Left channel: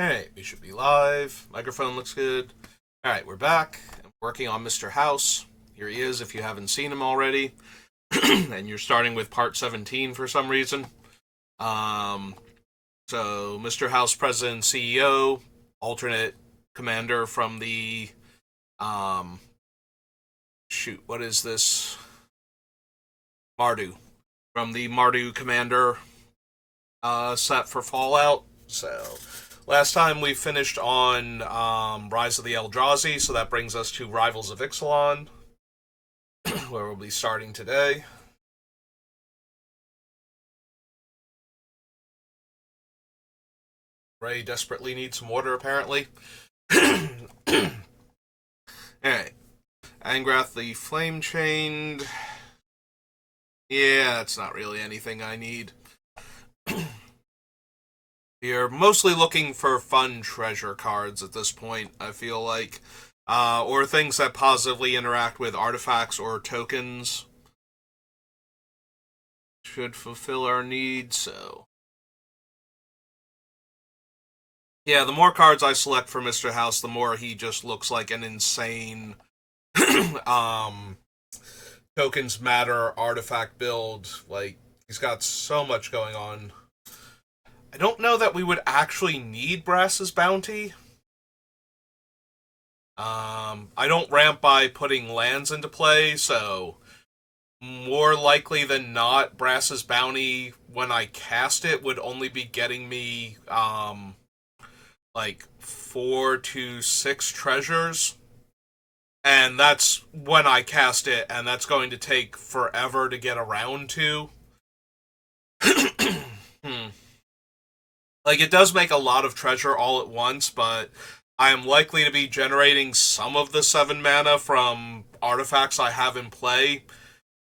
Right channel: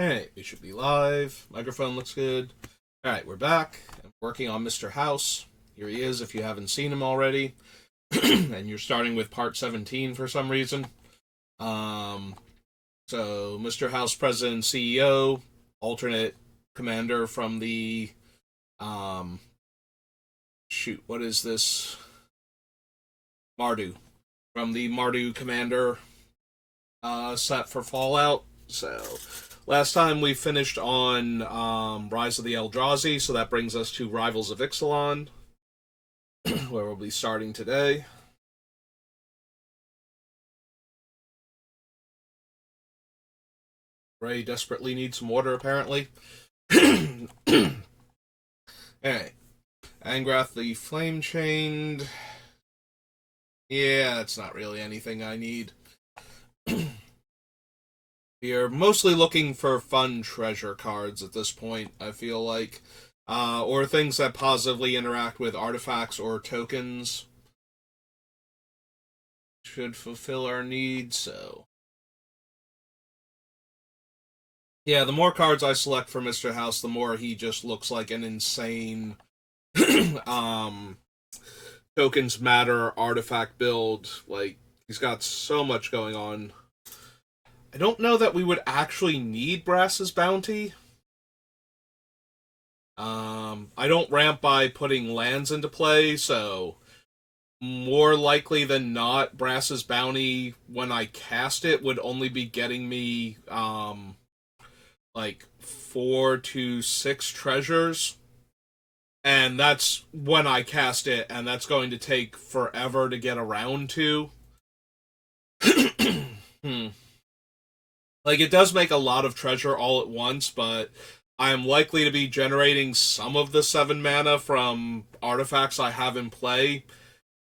Alright, we should be live. Microphone looks good. Alright, we're back. I'm working on Mr. House. Here he is if you haven't seen him already. And you're starting with part 17 for some reason. Um, so, Mr. House, President and CEO, alternate commander from the. Um, what is this? Mardu. From the Mardu Commander set for Fallout. So, last time we finished on Rise of the Eldrazi, so that brings us to Rivals of Ixalan, where we'll be starting today. Ray desperately needs some water, apparently. Alright. Angrath the Flame Chained. Yeah, that's not really anything I need. We are mostly looking for fun treasure cards at this point, I feel like. Or things that positively interact with artifacts or tokens. Should fulfill our needs, so. Yeah, the more cards I select for Mr. House, the more he just looks like an insane um tokens matter artifact build. Like, he's got so much going on. I don't know that we would actually need Brass's Bounty. I don't ramp by putting lands into play, so more likely than not, Brass's Bounty, when I cast it, would only be getting me, like 4 to 6 treasures. And that's when I cast it, and that's going to take forever to get around to. Hmm. Like, it does make a lot of treasure all at once, but I am likely to be generating some of the 7 mana from artifacts I have in play,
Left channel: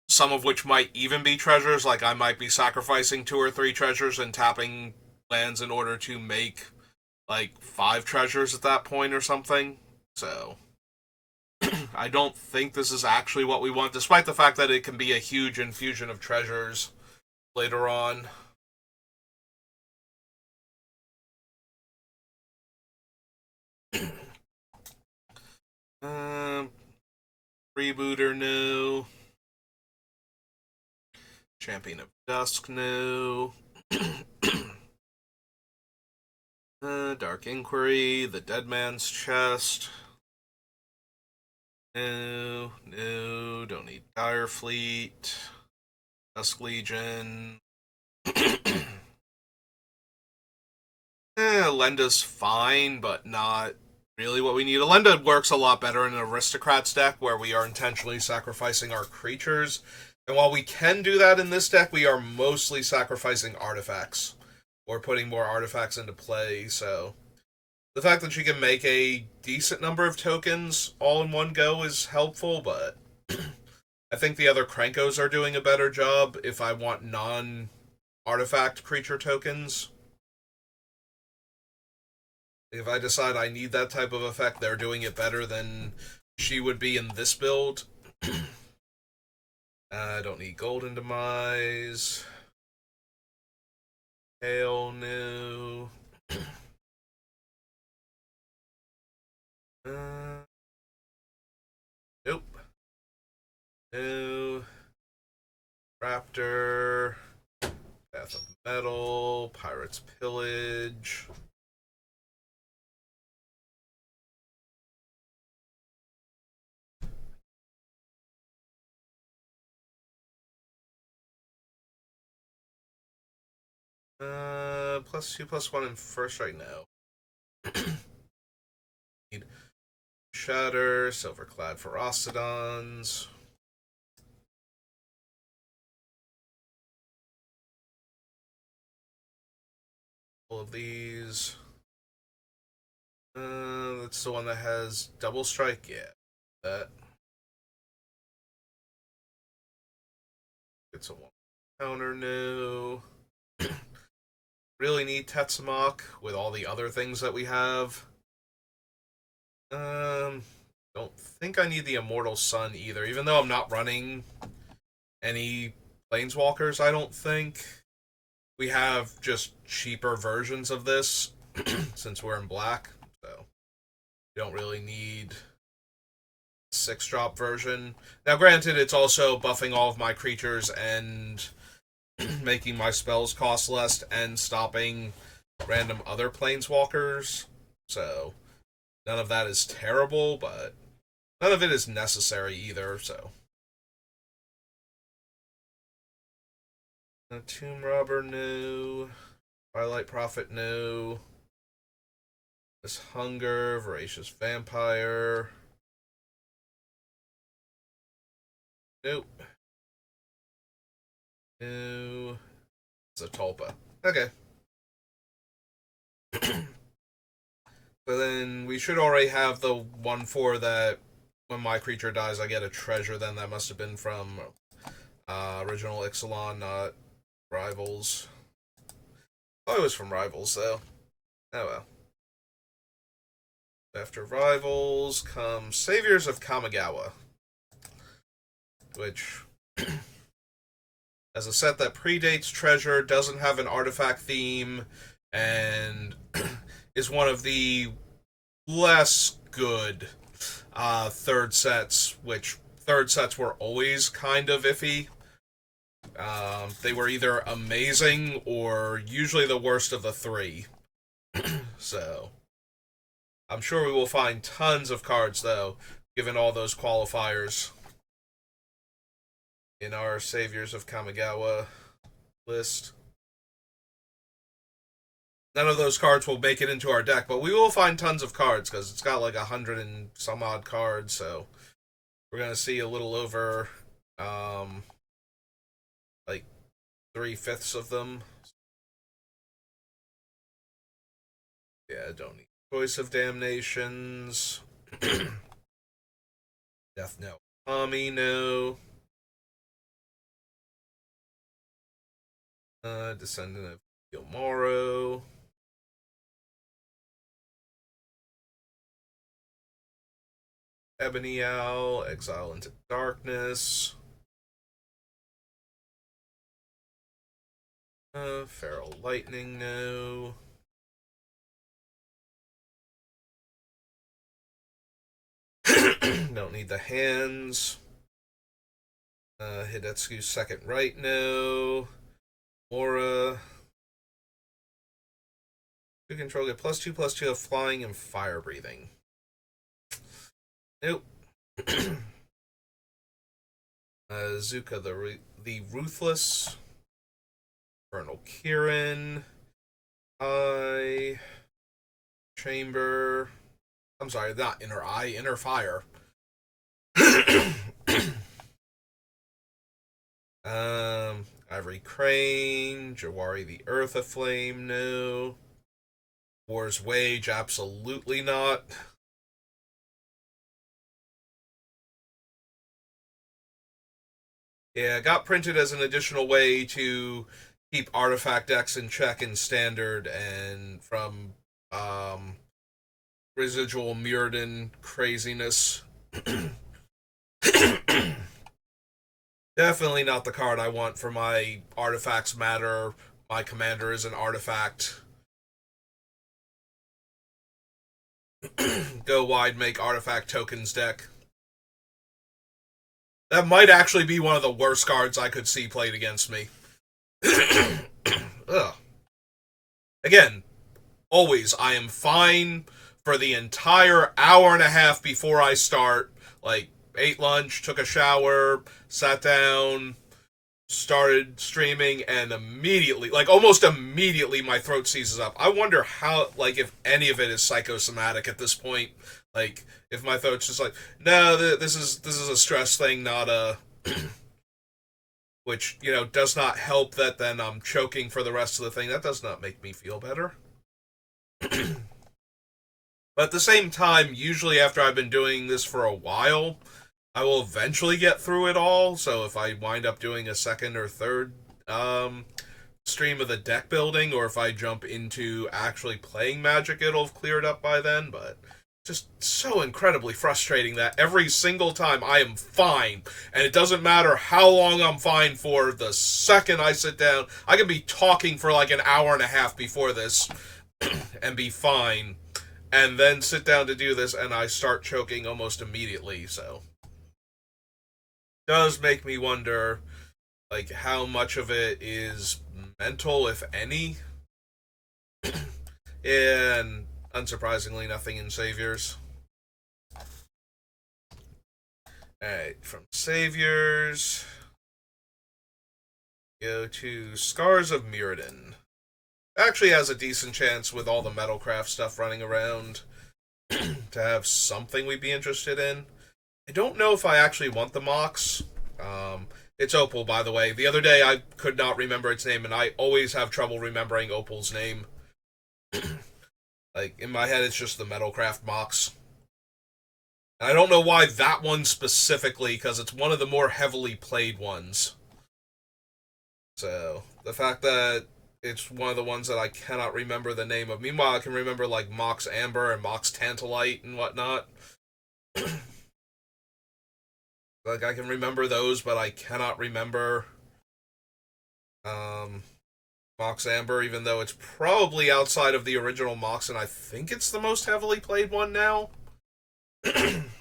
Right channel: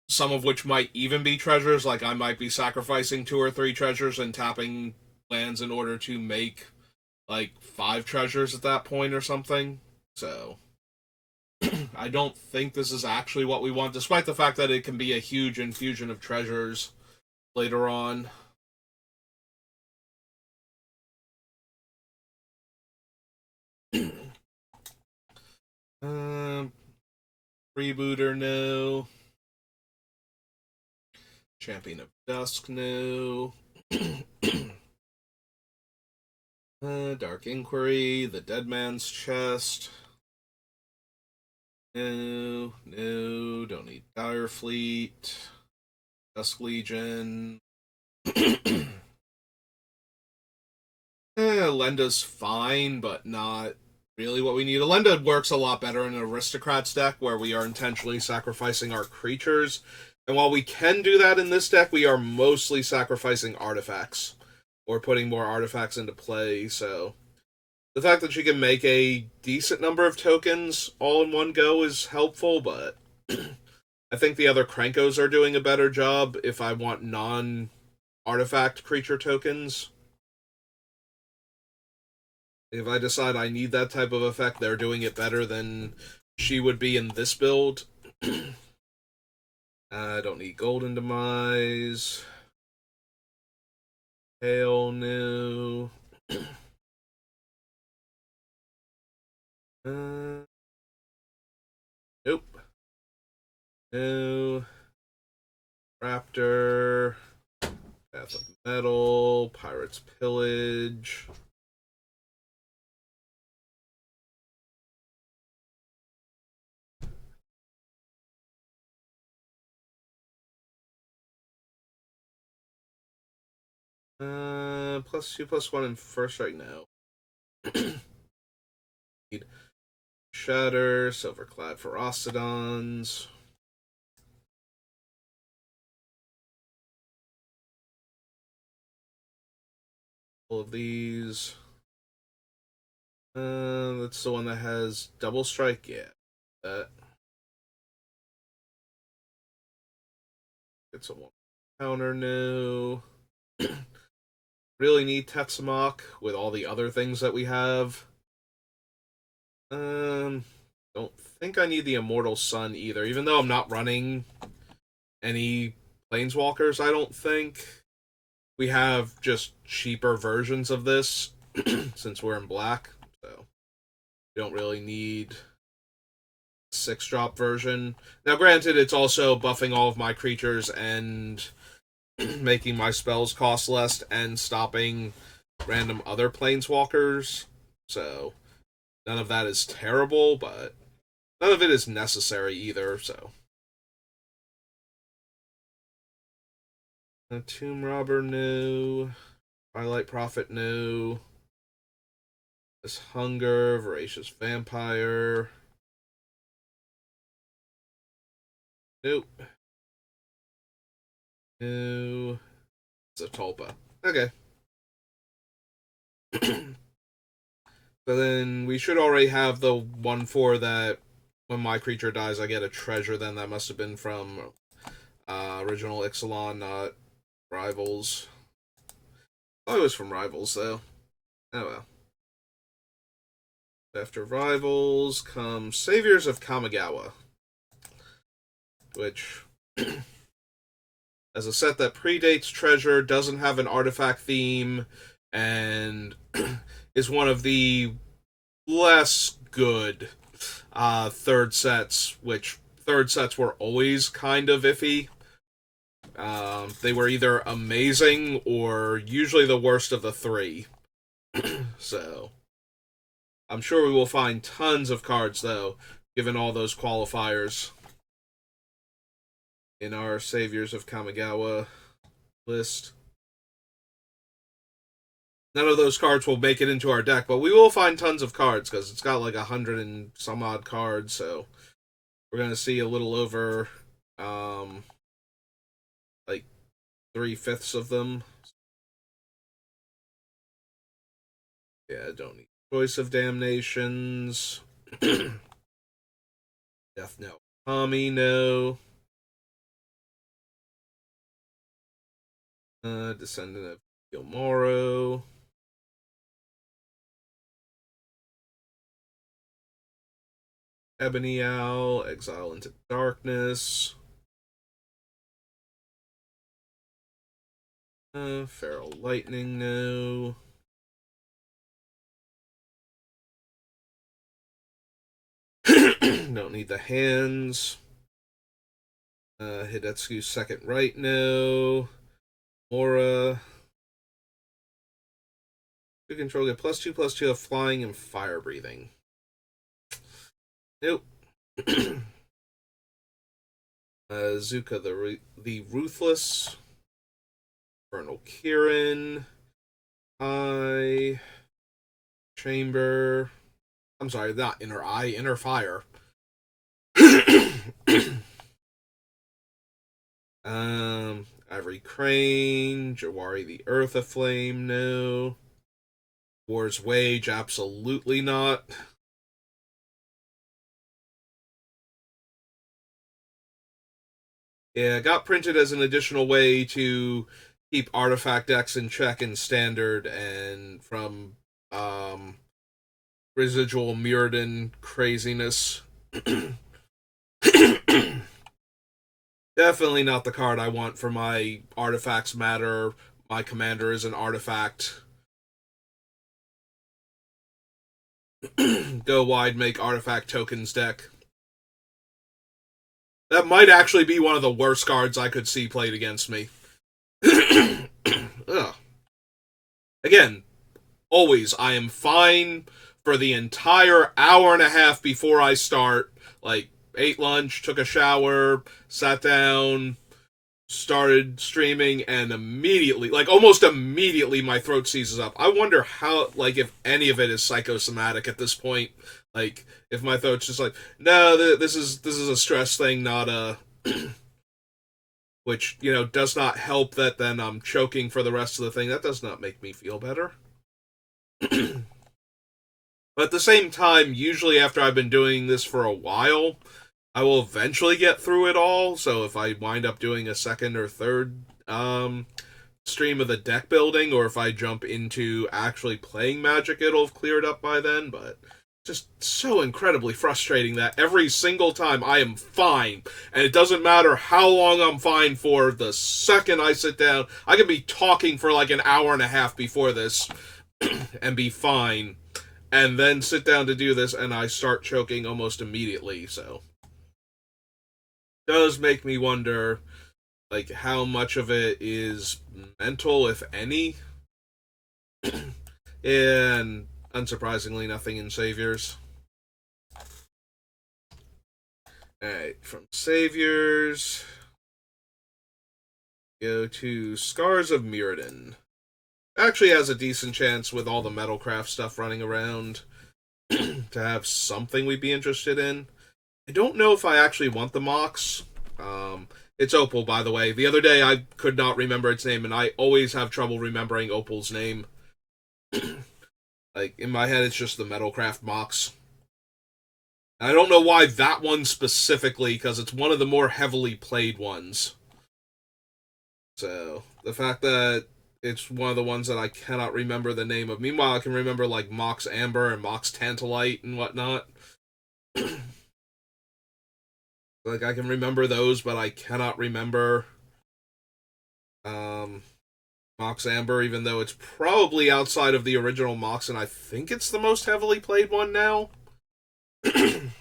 some of which might even be treasures. Like, I might be sacrificing 2 or 3 treasures and tapping lands in order to make, like, 5 treasures at that point or something. So, I don't think this is actually what we want, despite the fact that it can be a huge infusion of treasures later on. um, Rebooter, no. Champion of Dusk, no. Dark Inquiry, the Dead Man's Chest. No, no, don't need Dire Fleet. Dusk Legion. Lenda's fine, but not really what we need. Elenda works a lot better in an Aristocrats deck where we are intentionally sacrificing our creatures. And while we can do that in this deck, we are mostly sacrificing artifacts or putting more artifacts into play. So the fact that she can make a decent number of tokens all in one go is helpful, but I think the other Krankos are doing a better job if I want non artifact creature tokens. If I decide I need that type of effect, they're doing it better than she would be in this build. I don't need Golden Demise. Hell no. uh, nope. No. Raptor. Path of Metal. Pirate's Pillage. +2/+1 in first right now. Need Shatter, Silverclad Ferocodons. All of these. That's the one that has double strike. Yeah, that. It's a one counter new. Really need Tetsamok with all the other things that we have. Don't think I need the Immortal Sun either, even though I'm not running any Planeswalkers, I don't think. We have just cheaper versions of this. since we're in black, so we don't really need 6-drop version. Now, granted, it's also buffing all of my creatures and making my spells cost less and stopping random other planeswalkers. So, none of that is terrible, but none of it is necessary either, so. Tomb Robber, no. Twilight Prophet, no. This Hunger, Voracious Vampire. Nope. No. It's a Tulpa. Okay. So then we should already have the 1/4 that when my creature dies, I get a treasure. Then that must have been from original Ixalan, not Rivals. Oh, it was from Rivals, though. Oh well. After Rivals comes Saviors of Kamigawa, which, as a set that predates Treasure, doesn't have an artifact theme, and is one of the less good third sets, which third sets were always kind of iffy. They were either amazing or usually the worst of the three. So, I'm sure we will find tons of cards, though, given all those qualifiers in our Saviors of Kamigawa list. None of those cards will make it into our deck, but we will find tons of cards, because it's got like 100 and some odd cards, so we're going to see a little over, like 3/5 of them. Yeah, I don't need Choice of Damnations. Death Knell Tommy, no. Descendant of Gilmoro. Ebony Owl, Exile into Darkness. Feral Lightning, no. Don't need the hands. Hidetsu's Second Right, no. Mora. You control get +2/+2 of flying and fire breathing. Nope. Zuka the Ruthless. Infernal Kirin. Chamber. I'm sorry, not Inner Eye, Inner Fire. Ivory Crane, Jawari the Earth Aflame, no. War's Wage, absolutely not. Yeah, it got printed as an additional way to keep artifact decks in check in Standard and from residual Mirrodin craziness. Definitely not the card I want for my Artifacts Matter. My commander is an artifact. Go wide, make artifact tokens deck. That might actually be one of the worst cards I could see played against me. Ugh. Again, always, I am fine for the entire hour and a half before I start. Like, ate lunch, took a shower, sat down, started streaming, and immediately, like almost immediately, my throat seizes up. I wonder how, like, if any of it is psychosomatic at this point. Like, if my throat's just like, no, this is a stress thing, not a... Which, you know, does not help that then I'm choking for the rest of the thing. That does not make me feel better. But at the same time, usually after I've been doing this for a while, I will eventually get through it all. So if I wind up doing a second or third stream of the deck building, or if I jump into actually playing Magic, it'll have cleared up by then. But just so incredibly frustrating that every single time I am fine, and it doesn't matter how long I'm fine for, the second I sit down, I can be talking for like an hour and a half before this, and be fine, and then sit down to do this, and I start choking almost immediately, so. It does make me wonder, like, how much of it is mental, if any. And, unsurprisingly, nothing in Saviors. Alright, from Saviors, go to Scars of Mirrodin. Actually has a decent chance with all the Metalcraft stuff running around to have something we'd be interested in. I don't know if I actually want the Mox. It's Opal, by the way. The other day I could not remember its name, and I always have trouble remembering Opal's name. Like, in my head, it's just the Metalcraft Mox. And I don't know why that one specifically, because it's one of the more heavily played ones. So, the fact that it's one of the ones that I cannot remember the name of. Meanwhile, I can remember, like, Mox Amber and Mox Tantalite and whatnot. Like, I can remember those, but I cannot remember Mox Amber, even though it's probably outside of the original Mox, and I think it's the most heavily played one now. I'm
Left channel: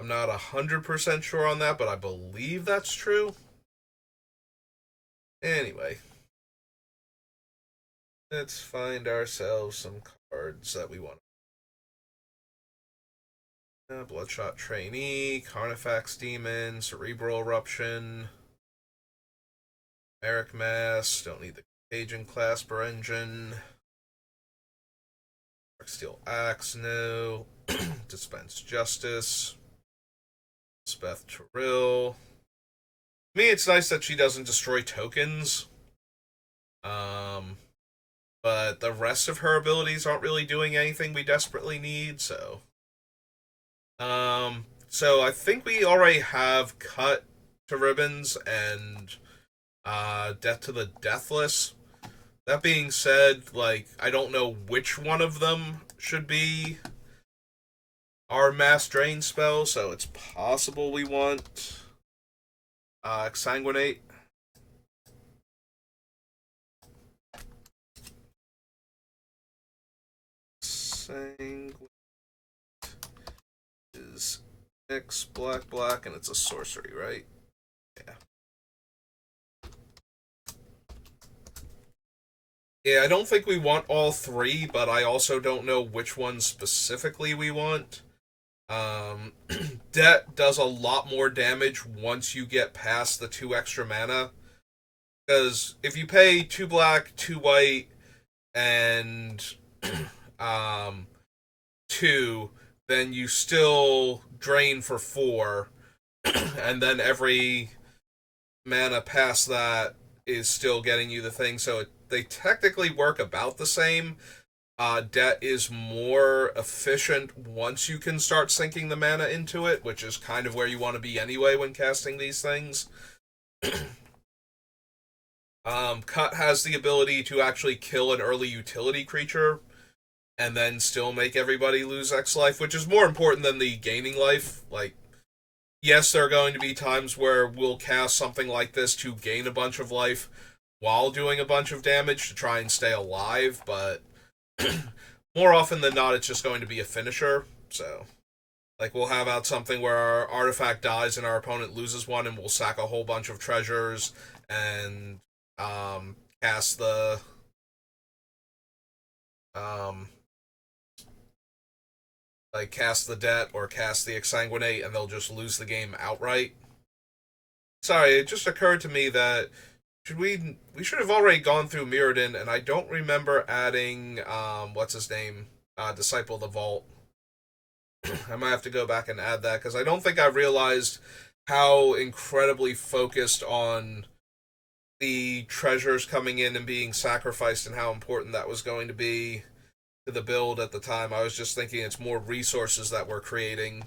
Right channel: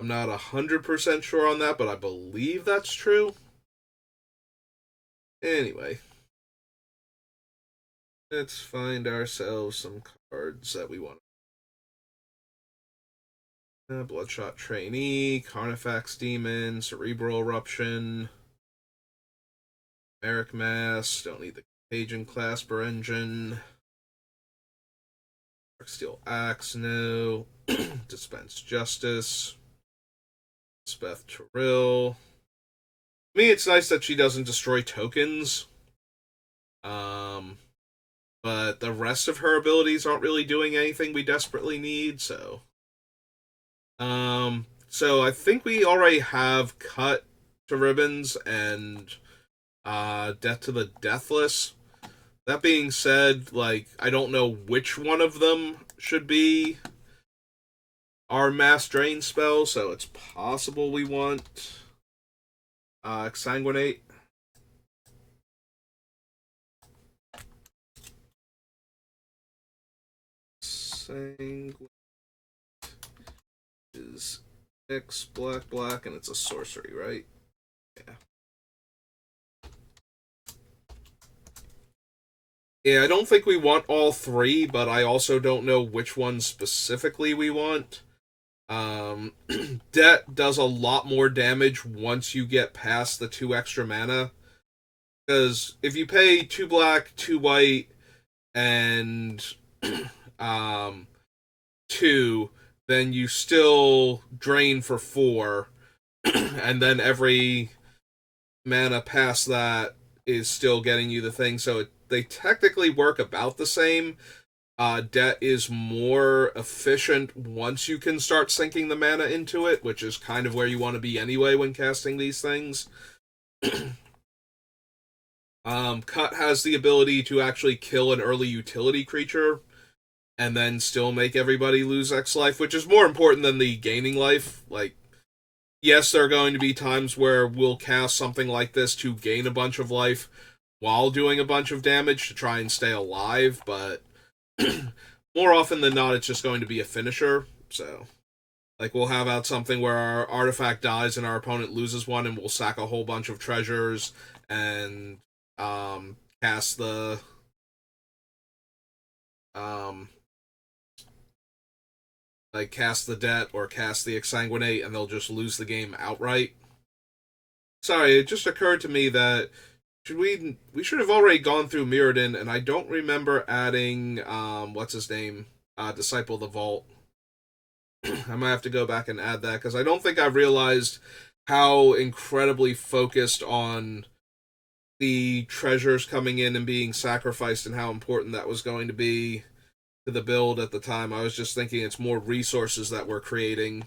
not 100% sure on that, but I believe that's true. Anyway. Let's find ourselves some cards that we want. Bloodshot Trainee, Carnifax Demon, Cerebral Eruption, Merrick Mass, don't need the Cajun Clasper Engine, Steel Axe, no, Dispense Justice, Speth Terrill. To me, it's nice that she doesn't destroy tokens, but the rest of her abilities aren't really doing anything we desperately need, so... So I think we already have Cut to Ribbons and Death to the Deathless. That being said, like, I don't know which one of them should be our Mass Drain spell, so it's possible we want Exsanguinate. Exsanguinate is X black, and it's a sorcery, right? Yeah. Yeah, I don't think we want all three, but I also don't know which one specifically we want. Debt does a lot more damage once you get past the 2 extra mana. Because if you pay 2 black, 2 white, and 2, then you still drain for 4, and then every mana past that is still getting you the thing, so they technically work about the same. Debt is more efficient once you can start sinking the mana into it, which is kind of where you want to be anyway when casting these things. Cut has the ability to actually kill an early utility creature and then still make everybody lose X life, which is more important than the gaining life. Like, yes, there are going to be times where we'll cast something like this to gain a bunch of life while doing a bunch of damage to try and stay alive, but more often than not, it's just going to be a finisher. So, like, we'll have out something where our artifact dies and our opponent loses one, and we'll sack a whole bunch of treasures and cast the cast the debt or cast the exsanguinate, and they'll just lose the game outright. Sorry, it just occurred to me that we should have already gone through Mirrodin, and I don't remember adding what's his name, Disciple of the Vault. I might have to go back and add that, because I don't think I realized how incredibly focused on the treasures coming in and being sacrificed and how important that was going to be to the build at the time. I was just thinking it's more resources that we're creating.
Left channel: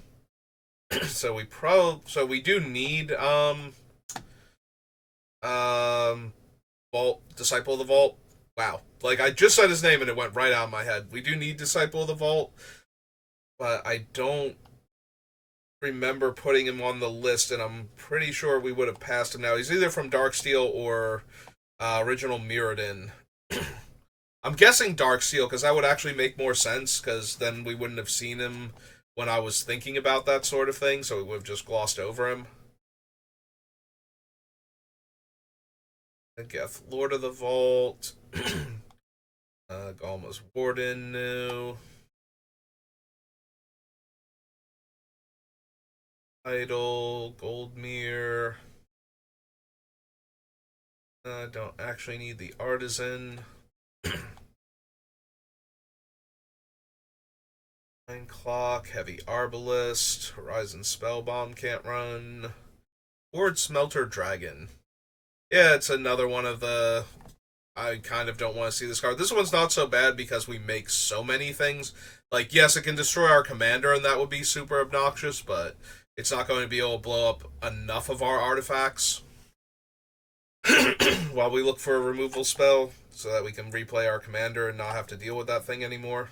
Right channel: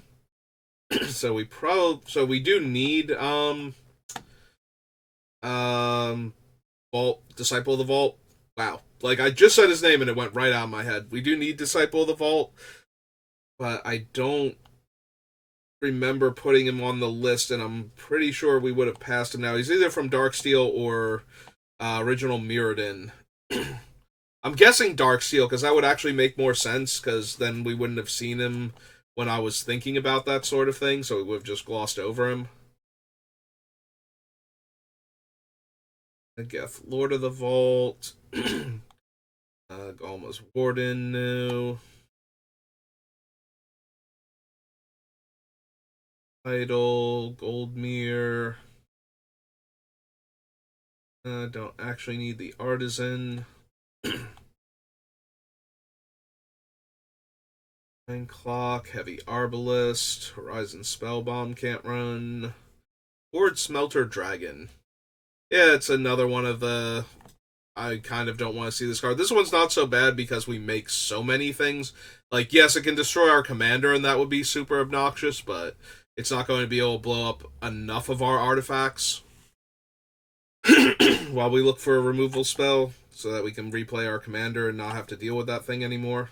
So we do need Vault, Disciple of the Vault. Wow. Like, I just said his name and it went right out of my head. We do need Disciple of the Vault, but I don't remember putting him on the list, and I'm pretty sure we would have passed him now. He's either from Darksteel or original Mirrodin. I'm guessing Darksteel, because that would actually make more sense, because then we wouldn't have seen him when I was thinking about that sort of thing, so we would have just glossed over him. Geth, Lord of the Vault. Galma's Warden, new. Idol, Goldmere. Don't actually need the Artisan. Nine Clock, Heavy Arbalist, Horizon Spellbomb can't run. Horde Smelter Dragon. Yeah, it's another one of the... I kind of don't want to see this card. This one's not so bad because we make so many things. Like, yes, it can destroy our commander, and that would be super obnoxious, but it's not going to be able to blow up enough of our artifacts while we look for a removal spell so that we can replay our commander and not have to deal with that thing anymore.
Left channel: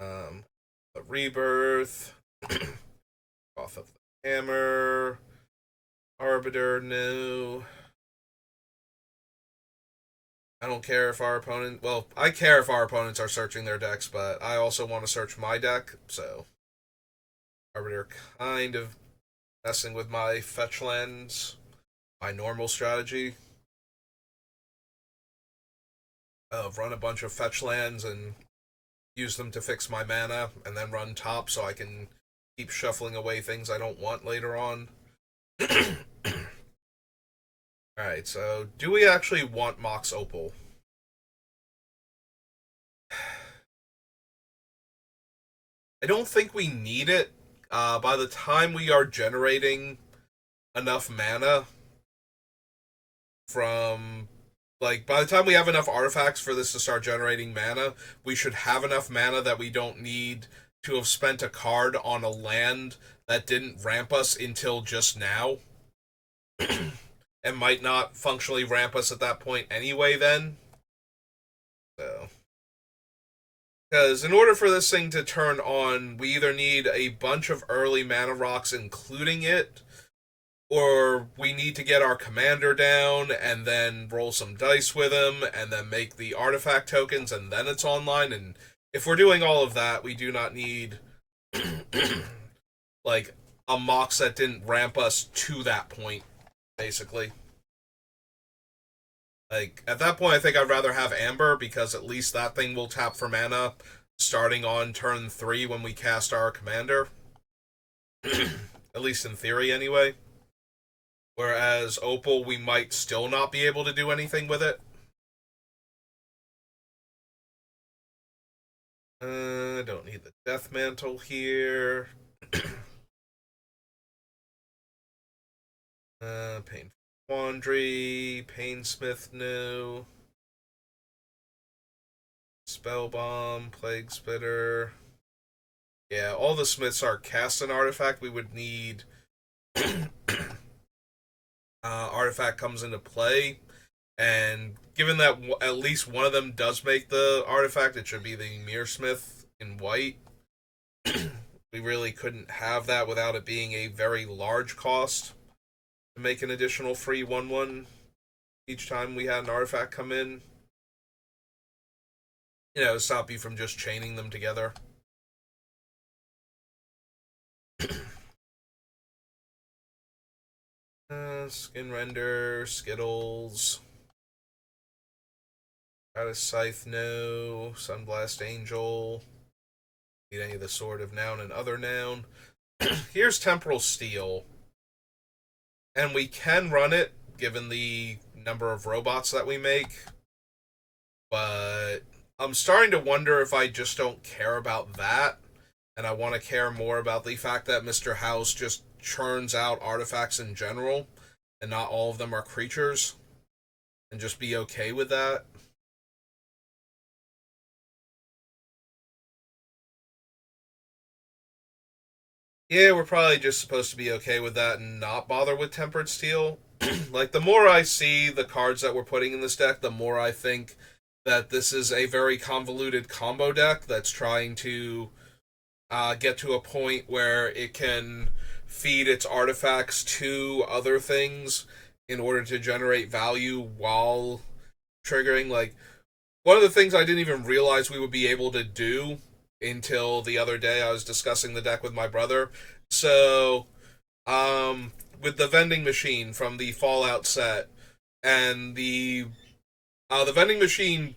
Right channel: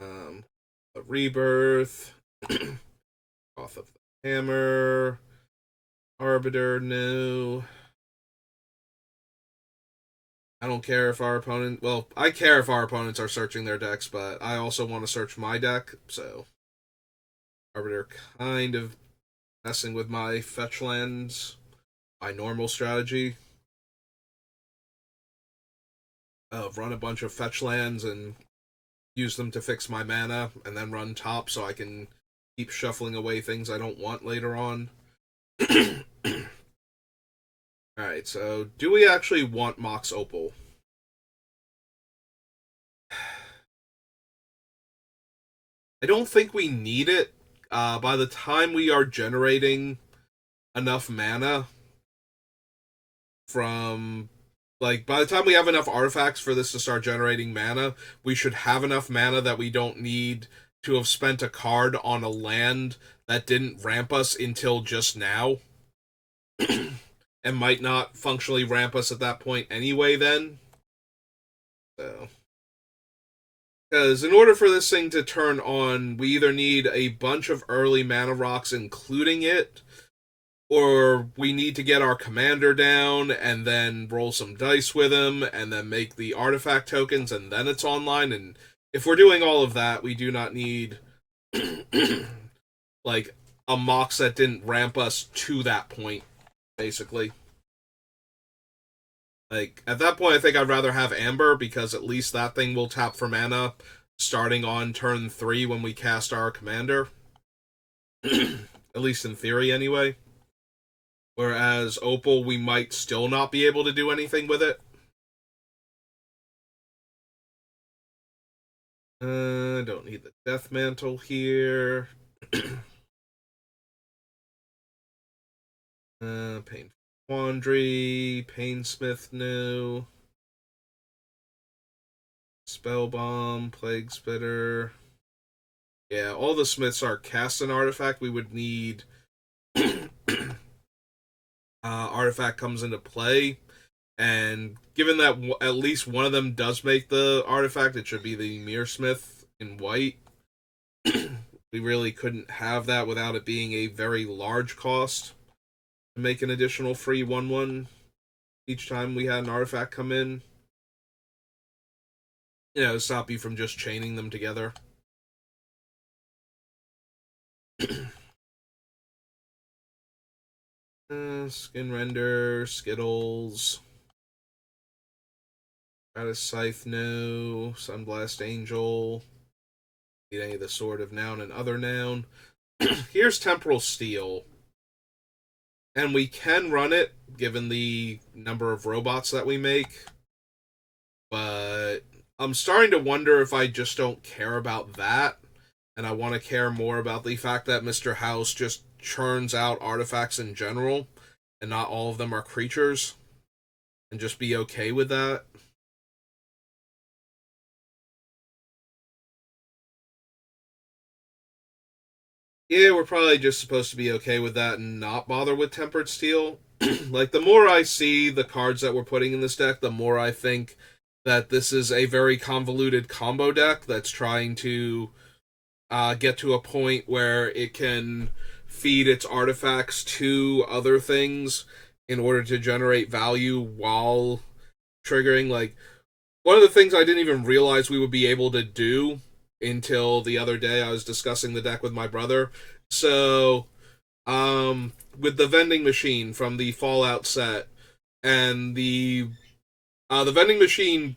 The Rebirth, Off of the Hammer, Arbiter, new. I don't care if our opponent... Well, I care if our opponents are searching their decks, but I also want to search my deck, so... Arbiter kind of messing with my fetch lands, my normal strategy. Run a bunch of fetch lands and use them to fix my mana, and then run top so I can keep shuffling away things I don't want later on. Alright, so do we actually want Mox Opal? I don't think we need it. By the time we are generating enough mana from... Like, by the time we have enough artifacts for this to start generating mana, we should have enough mana that we don't need to have spent a card on a land that didn't ramp us until just now. And might not functionally ramp us at that point anyway then. So... Because in order for this thing to turn on, we either need a bunch of early mana rocks including it, or we need to get our commander down and then roll some dice with him and then make the artifact tokens and then it's online. And if we're doing all of that, we do not need like a Mox that didn't ramp us to that point, basically. Like, at that point, I think I'd rather have Amber, because at least that thing will tap for mana starting on turn 3 when we cast our commander. At least in theory, anyway. Whereas Opal, we might still not be able to do anything with it. Don't need the Death Mantle here. Painful Quandary, Painsmith new. Spellbomb, Plague Spitter. Yeah, all the Smiths are cast an artifact. We would need artifact comes into play. And given that at least one of them does make the artifact, it should be the Mirrorsmith in white. We really couldn't have that without it being a very large cost to make an additional free 1/1 each time we had an artifact come in. You know, stop you from just chaining them together. Skin Render, Skittles. Stratus Scythe, no. Sunblast Angel. Need any of the Sword of Noun and Other Noun. Here's Temporal Steel. And we can run it, given the number of robots that we make. But I'm starting to wonder if I just don't care about that. And I want to care more about the fact that Mr. House just churns out artifacts in general. And not all of them are creatures. And just be okay with that. Yeah, we're probably just supposed to be okay with that and not bother with Tempered Steel. Like, the more I see the cards that we're putting in this deck, the more I think that this is a very convoluted combo deck that's trying to get to a point where it can feed its artifacts to other things in order to generate value while triggering. Like, one of the things I didn't even realize we would be able to do until the other day, I was discussing the deck with my brother. So, with the vending machine from the Fallout set, and the vending machine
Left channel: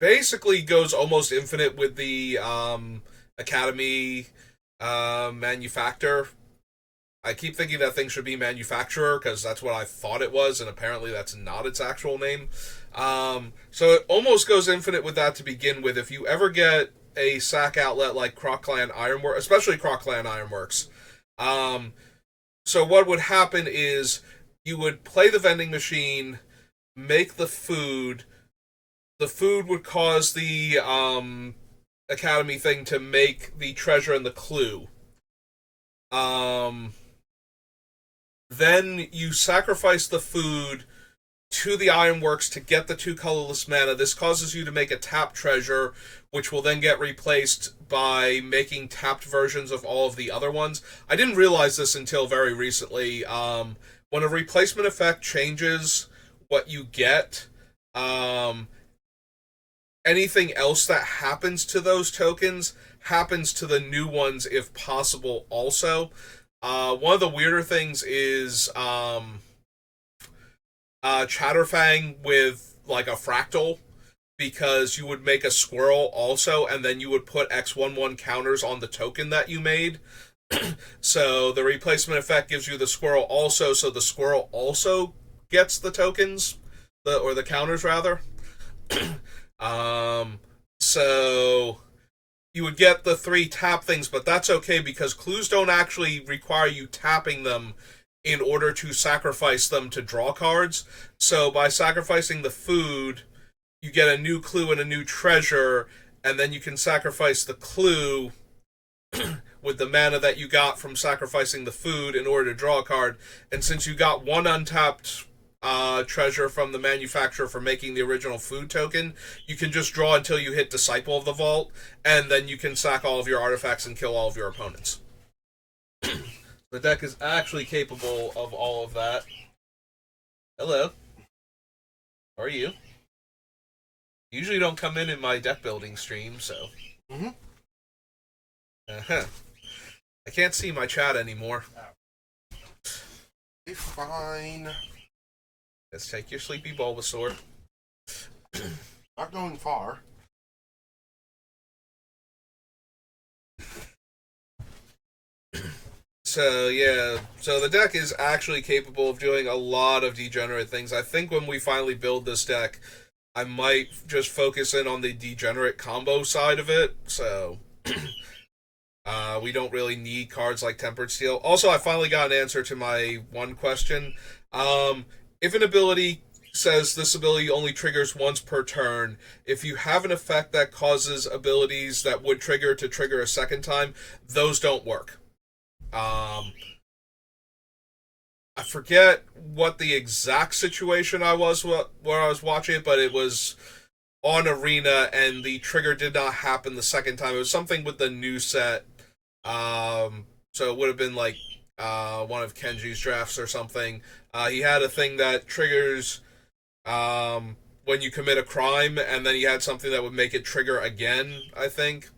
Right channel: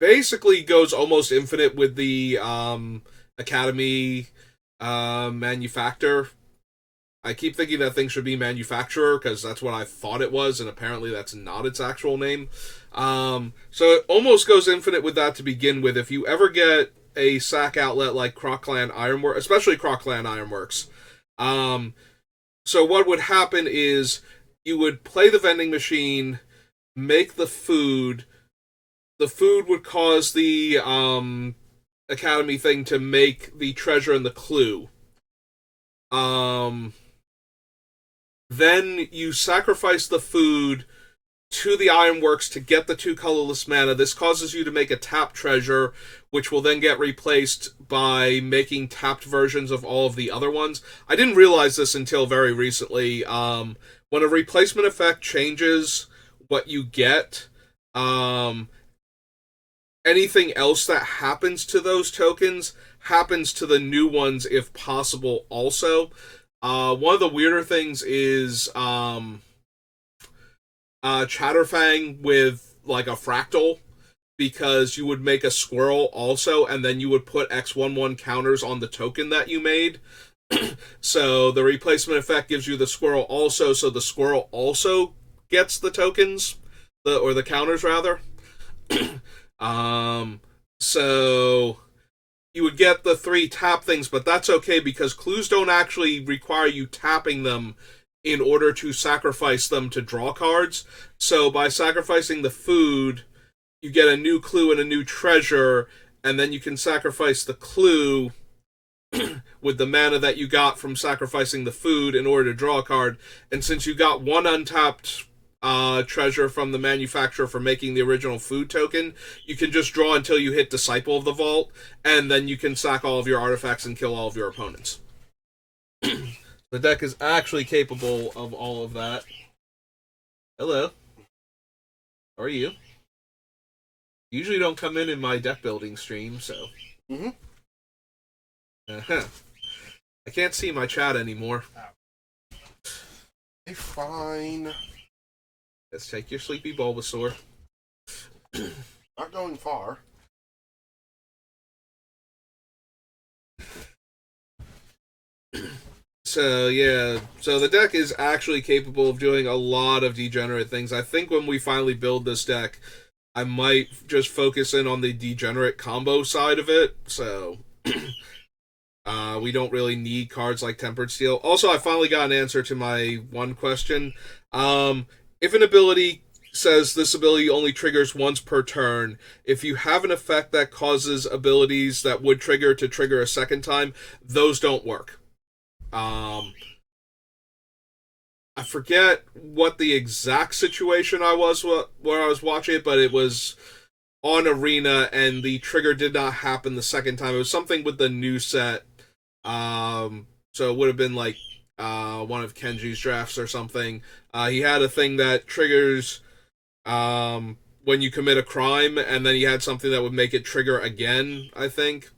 basically goes almost infinite with the Academy manufacturer. I keep thinking that thing should be manufacturer because that's what I thought it was, and apparently that's not its actual name. So it almost goes infinite with that to begin with. If you ever get a SAC outlet like Crocland Ironworks, especially Crocland Ironworks, so what would happen is you would play the vending machine, make the food. The food would cause the Academy thing to make the treasure and the clue. Then you sacrifice the food to the Ironworks to get the 2 colorless mana. This causes you to make a tapped treasure, which will then get replaced by making tapped versions of all of the other ones. I didn't realize this until very recently. When a replacement effect changes what you get, anything else that happens to those tokens happens to the new ones if possible also. One of the weirder things is Chatterfang with like a fractal, because you would make a squirrel also, and then you would put X11 counters on the token that you made. So the replacement effect gives you the squirrel also, so the squirrel also gets the tokens, or the counters rather. So you would get the 3 tap things, but that's okay because clues don't actually require you tapping them in order to sacrifice them to draw cards. So by sacrificing the food, you get a new clue and a new treasure, and then you can sacrifice the clue with the mana that you got from sacrificing the food in order to draw a card. And since you got 1 untapped treasure from the manufacturer for making the original food token, you can just draw until you hit Disciple of the Vault, and then you can sack all of your artifacts and kill all of your opponents. The deck is actually capable of all of that. Hello. How are you? Usually don't come in my deck building stream, so. Mm-hmm. Uh-huh. I can't see my chat anymore. Hey, fine. Let's take your Sleepy Bulbasaur. Not going far. So, yeah. So the deck is actually capable of doing a lot of degenerate things. I think when we finally build this deck, I might just focus in on the degenerate combo side of it. So, we don't really need cards like Tempered Steel. Also, I finally got an answer to my one question. If an ability says this ability only triggers once per turn, if you have an effect that causes abilities that would trigger to trigger a second time, those don't work. I forget what the exact situation I was where I was watching it, but it was on Arena, and the trigger did not happen the second time. It was something with the new set. So it would have been like one of Kenji's drafts or something. He had a thing that triggers when you commit a crime, and then he had something that would make it trigger again, I think.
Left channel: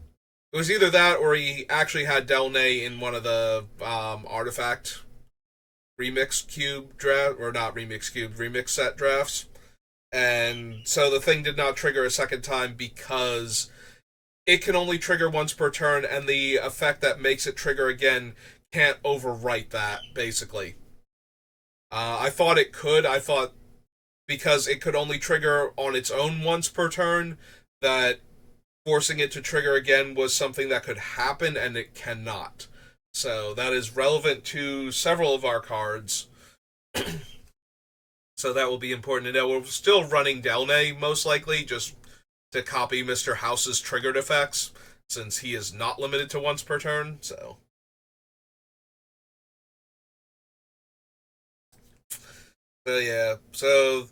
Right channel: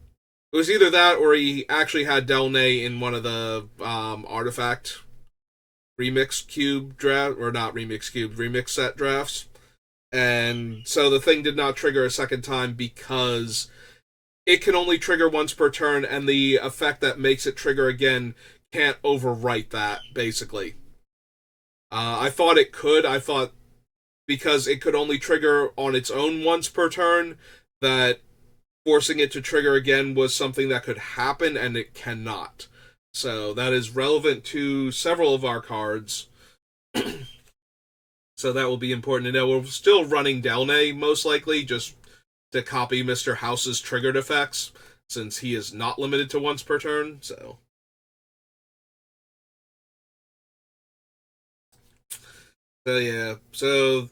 It was either that, or he actually had Delnay in one of the artifact remix cube draft, or not remix cube, remix set drafts. And so the thing did not trigger a second time because it can only trigger once per turn, and the effect that makes it trigger again can't overwrite that, basically. I thought it could. I thought because it could only trigger on its own once per turn, that forcing it to trigger again was something that could happen, and it cannot. So that is relevant to several of our cards. So that will be important to know. We're still running Delnay, most likely, just to copy Mr. House's triggered effects, since he is not limited to once per turn, so. So yeah, so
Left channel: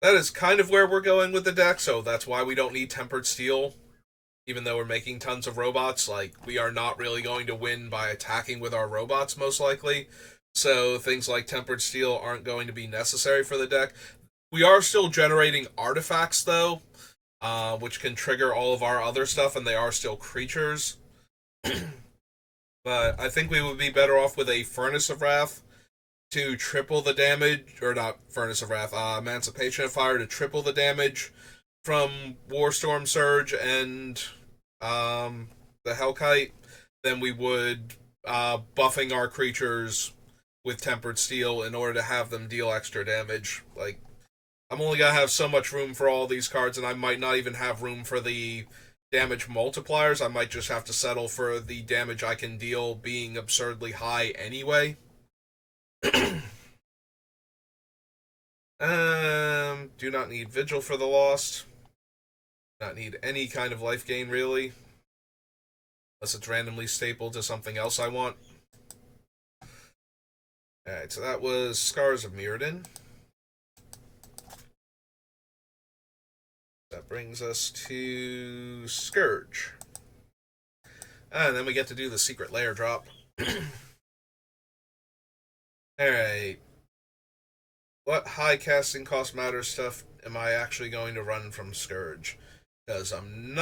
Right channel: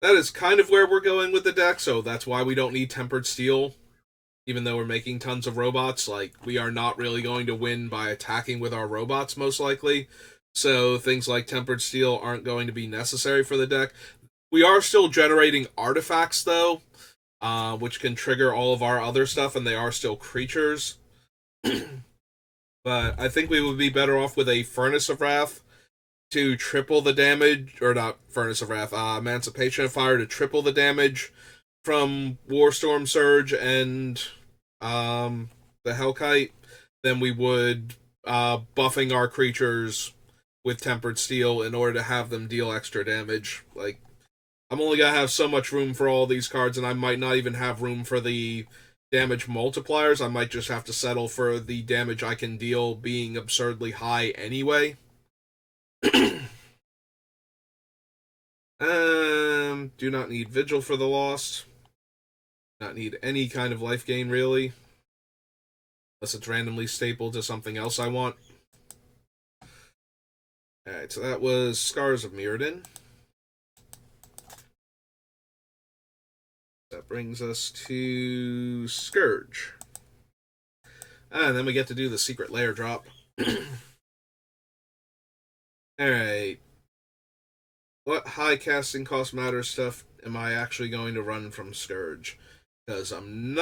that is kind of where we're going with the deck, so that's why we don't need Tempered Steel. Even though we're making tons of robots, like, we are not really going to win by attacking with our robots, most likely. So things like Tempered Steel aren't going to be necessary for the deck. We are still generating artifacts, though, which can trigger all of our other stuff, and they are still creatures. But I think we would be better off with a Furnace of Wrath to triple the damage, or not Furnace of Wrath, Emancipation of Fire to triple the damage from Warstorm Surge and the Hellkite than we would buffing our creatures with Tempered Steel in order to have them deal extra damage. Like, I'm only gonna have so much room for all these cards, and I might not even have room for the damage multipliers. I might just have to settle for the damage I can deal being absurdly high anyway. Do not need Vigil for the Lost. Not need any kind of life gain, really. Unless it's randomly stapled to something else I want. Alright, so that was Scars of Mirrodin. That brings us to Scourge. And then we get to do the secret layer drop. Alright. What high casting cost matter stuff am I actually going to run from Scourge? Because I'm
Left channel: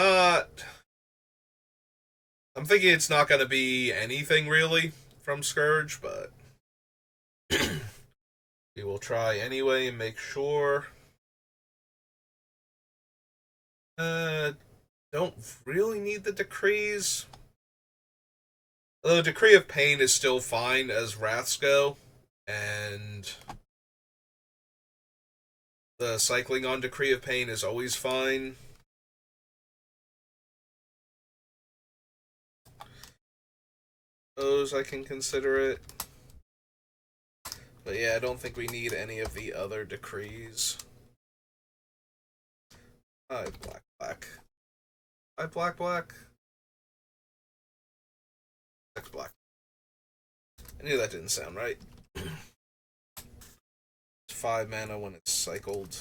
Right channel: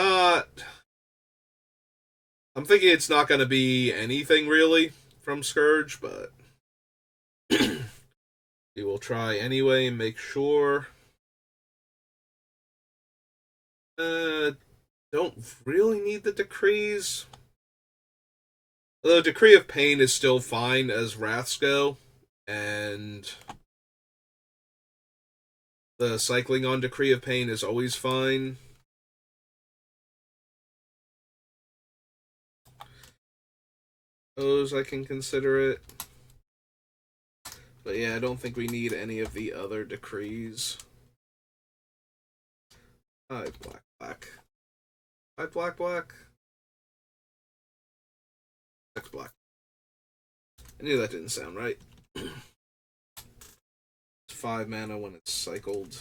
thinking it's not going to be anything really from Scourge, but we will try anyway and make sure. Don't really need the decrees. The Decree of Pain is still fine as Wraths go, and the cycling on Decree of Pain is always fine. Those I can consider it. But yeah, I don't think we need any of the other decrees. 5 black, black. 5 black, black. 6 black. I knew that didn't sound right. It's 5 mana when it's cycled.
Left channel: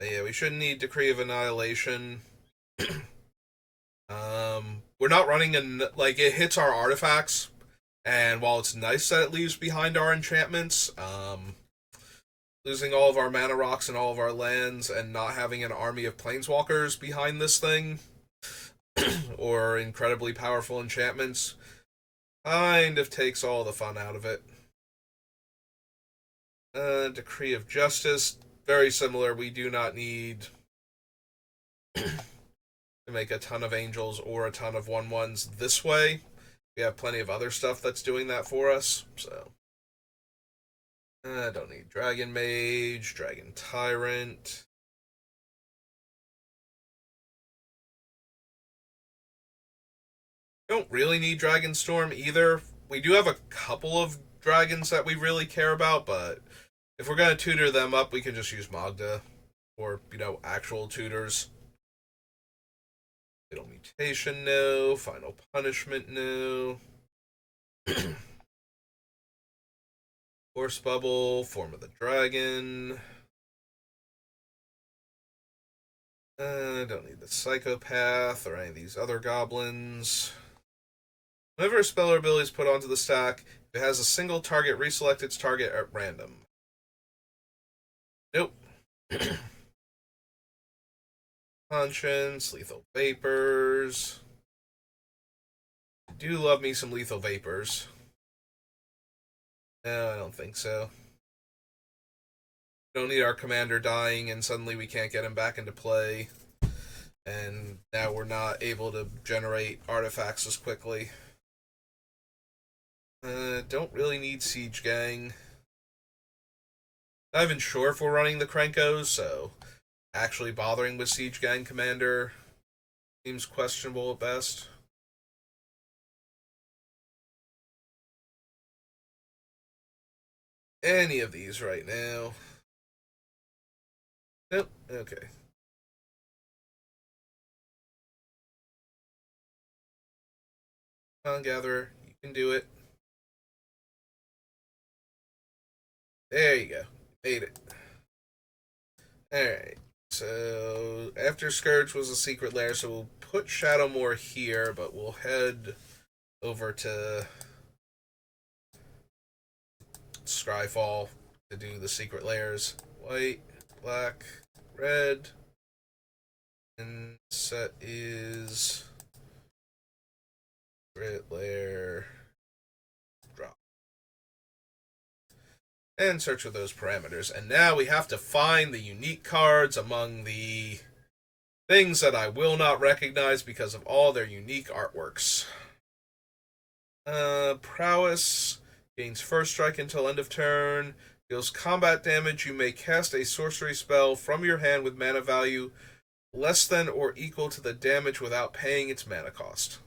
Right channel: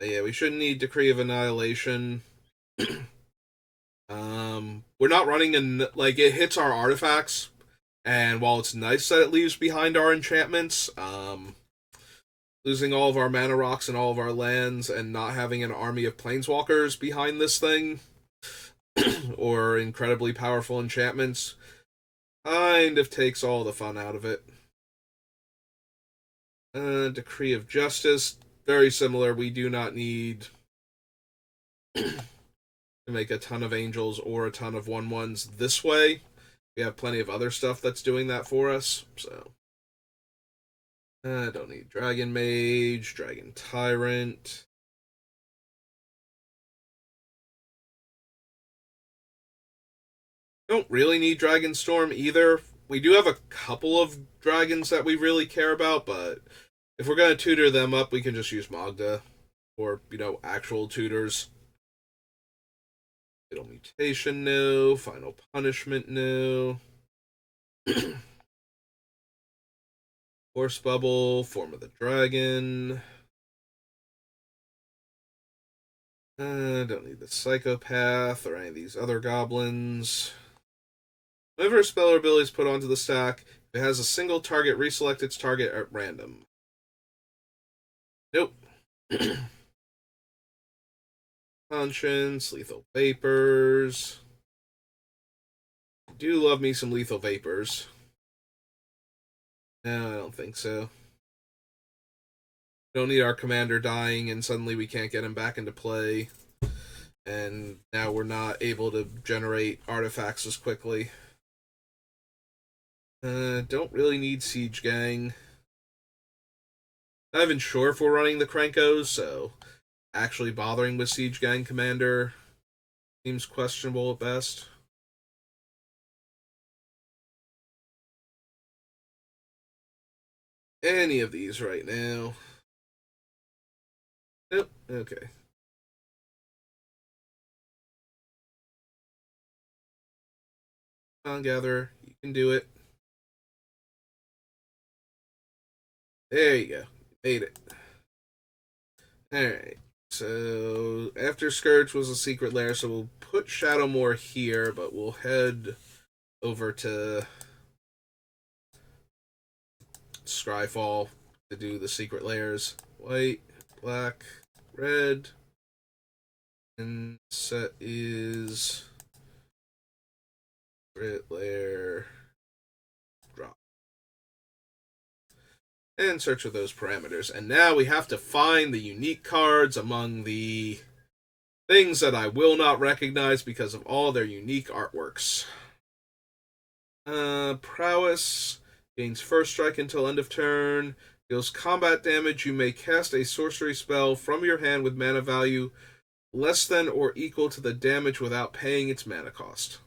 But yeah, we shouldn't need Decree of Annihilation. We're not running it hits our artifacts, and while it's nice that it leaves behind our enchantments, losing all of our mana rocks and all of our lands and not having an army of planeswalkers behind this thing or incredibly powerful enchantments kind of takes all the fun out of it. Decree of Justice, very similar. We do not need to make a ton of angels or a ton of 1/1s this way. We have plenty of other stuff that's doing that for us, so I don't need Dragon Mage, Dragon Tyrant. Don't really need Dragon Storm either. We do have a couple of dragons that we really care about, but if we're going to tutor them up, we can just use Magda or, actual tutors. Fatal Mutation, no. Final Punishment, no. Force Bubble, Form of the Dragon. Don't need the Psychopath or any of these other goblins. Whenever a spell or ability is put onto the stack, if it has a single target, reselect its target at random. Nope. Conscience, Lethal Vapors. I do love me some Lethal Vapors. No, I don't think so. Don't need our commander dying and suddenly we can't get him back into play. And now we're not able to generate artifacts as quickly. Don't really need Siege Gang. Not even sure if we're running the Krenkos, so actually bothering with Siege Gang Commander seems questionable at best. Any of these right now. Nope, okay. Gatherer, you can do it. There you go. Made it. Alright. So after Scourge was a secret lair, so we'll put Shadowmoor here, but we'll head over to Scryfall to do the secret lairs. White, black, red, and set is secret lair drop. And search for those parameters. And now we have to find the unique cards among the things that I will not recognize because of all their unique artworks. Prowess gains first strike until end of turn. Deals combat damage. You may cast a sorcery spell from your hand with mana value less than or equal to the damage without paying its mana cost.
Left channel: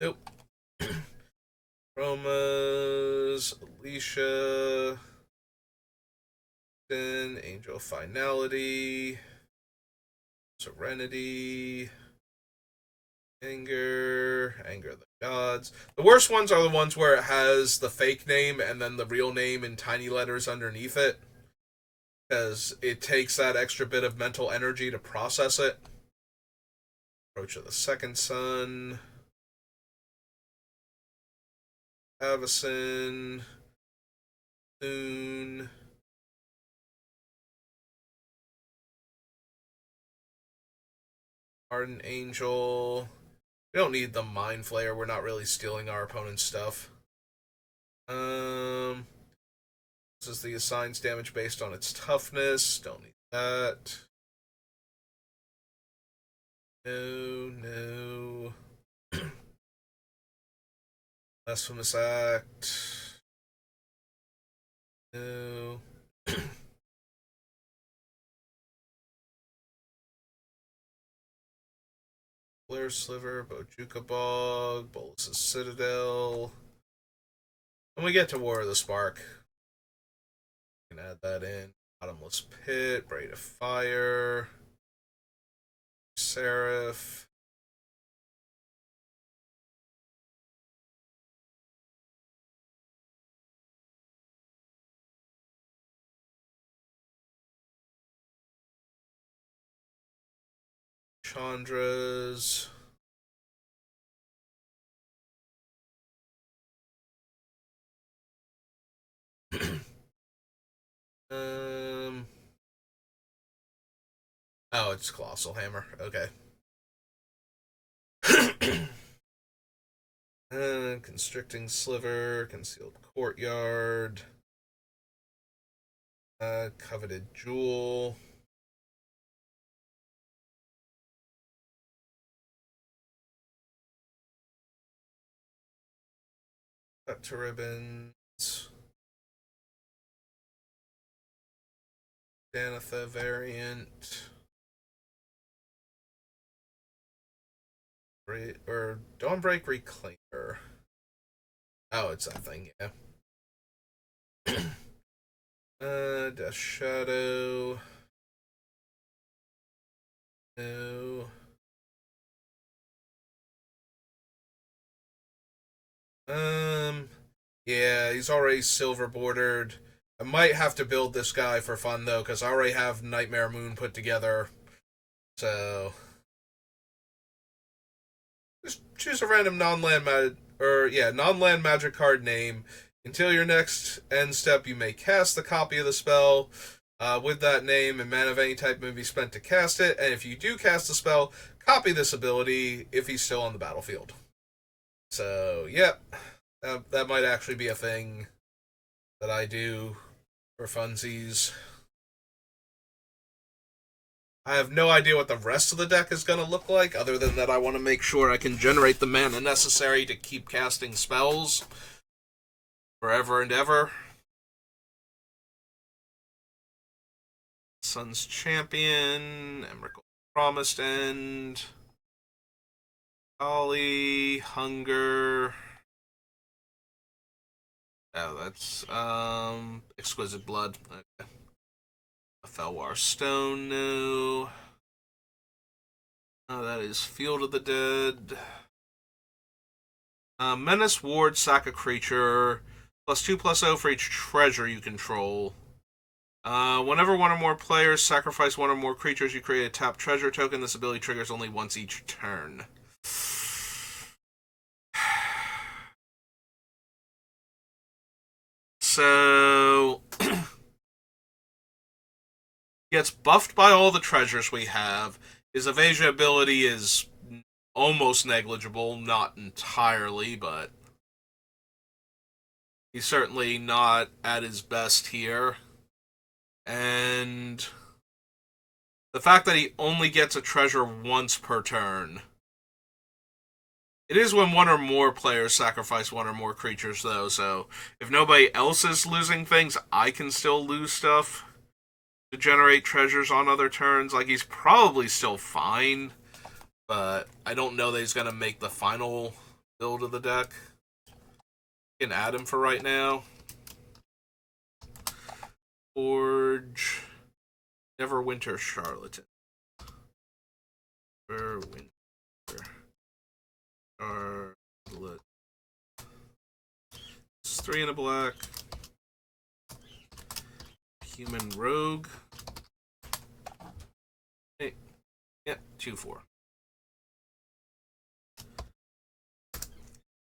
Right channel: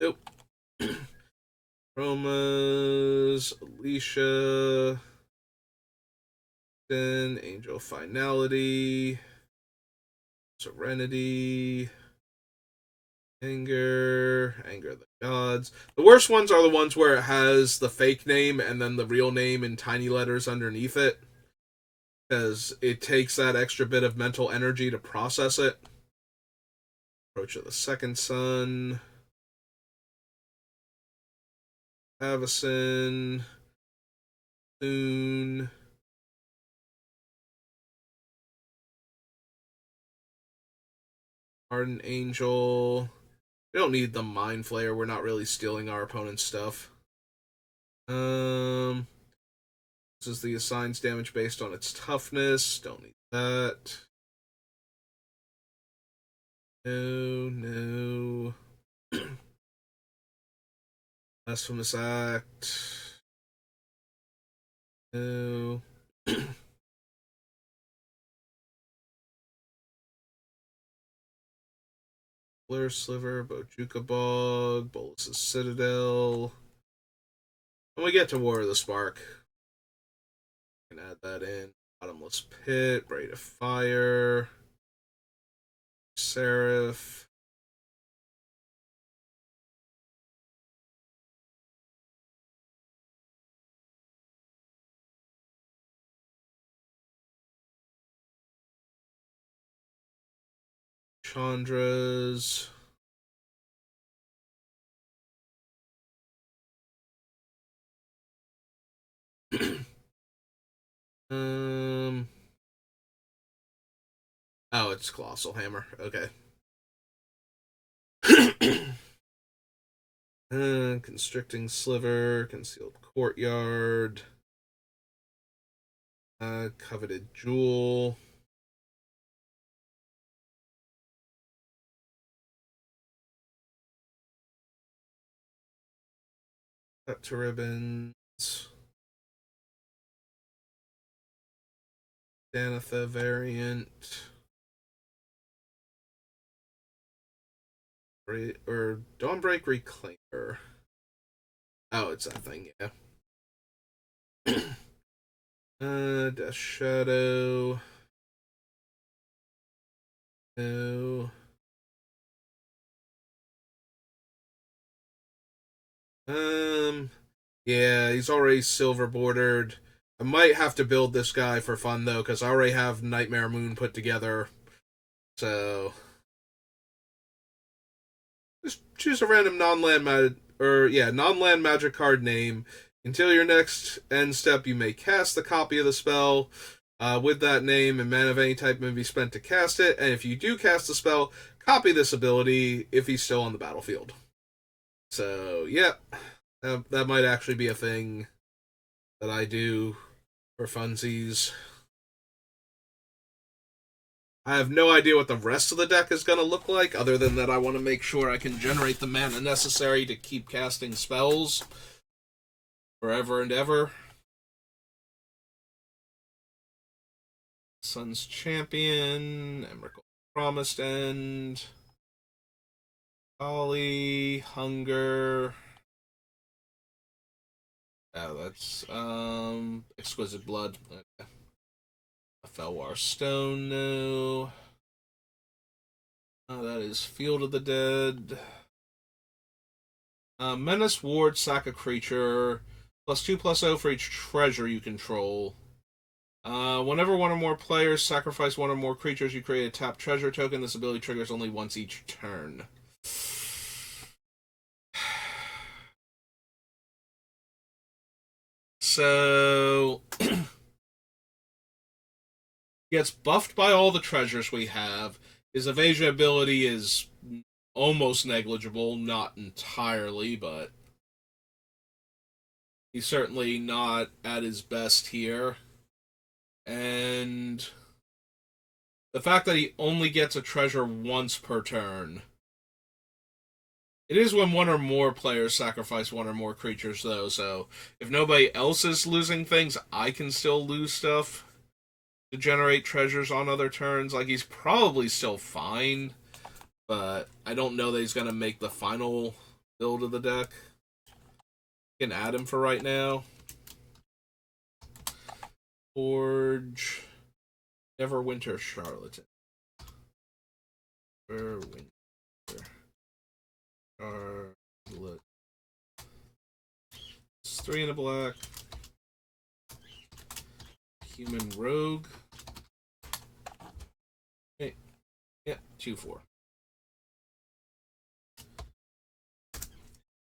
Nope. Roma's, Alicia, then Angel Finality, Serenity, Anger of the Gods. The worst ones are the ones where it has the fake name and then the real name in tiny letters underneath it, because it takes that extra bit of mental energy to process it. Approach of the Second Sun, Avacyn, Soon, Ardent Angel. We don't need the Mind Flayer. We're not really stealing our opponent's stuff. This is the assigns damage based on its toughness. Don't need that. No. Blasphemous Act. No. Flare Sliver, Bojuka Bog, Bolus's Citadel. When we get to War of the Spark, we can add that in. Bottomless Pit, Braid of Fire, Seraph. Chandra's. Oh, it's Colossal Hammer. Okay. Constricting Sliver, Concealed Courtyard, Coveted Jewel. Cut to ribbons. Danitha variant. Or Dawnbreak Reclaimer. Oh, it's that thing, yeah. Death Shadow. No. Yeah, he's already silver bordered. I might have to build this guy for fun though, because I already have Nightmare Moon put together. So just choose a random non-land magic card name. Until your next end step, you may cast the copy of the spell with that name, and mana of any type may be spent to cast it. And if you do cast the spell, copy this ability if he's still on the battlefield. So, yep, that might actually be a thing that I do for funsies. I have no idea what the rest of the deck is going to look like, other than that I want to make sure I can generate the mana necessary to keep casting spells forever and ever. Sun's Champion, Emrakul Promised End, Ollie, Hunger. Oh, that's Exquisite Blood. Okay. A Felwar Stone, no. Oh, that is Field of the Dead. Menace Ward, sack a creature. +2/+0 for each treasure you control. Whenever one or more players sacrifice one or more creatures, you create a tap treasure token. This ability triggers only once each turn. So gets buffed by all the treasures we have. His evasion ability is almost negligible, not entirely, but he's certainly not at his best here. And the fact that he only gets a treasure once per turn. It is when one or more players sacrifice one or more creatures, though, so if nobody else is losing things, I can still lose stuff to generate treasures on other turns. Like, he's probably still fine, but I don't know that he's going to make the final build of the deck. Can add him for right now. Forge. Neverwinter Charlatan. Neverwinter Charlotte. It's 3 and a black. Human Rogue. Hey. Yeah, 2/4.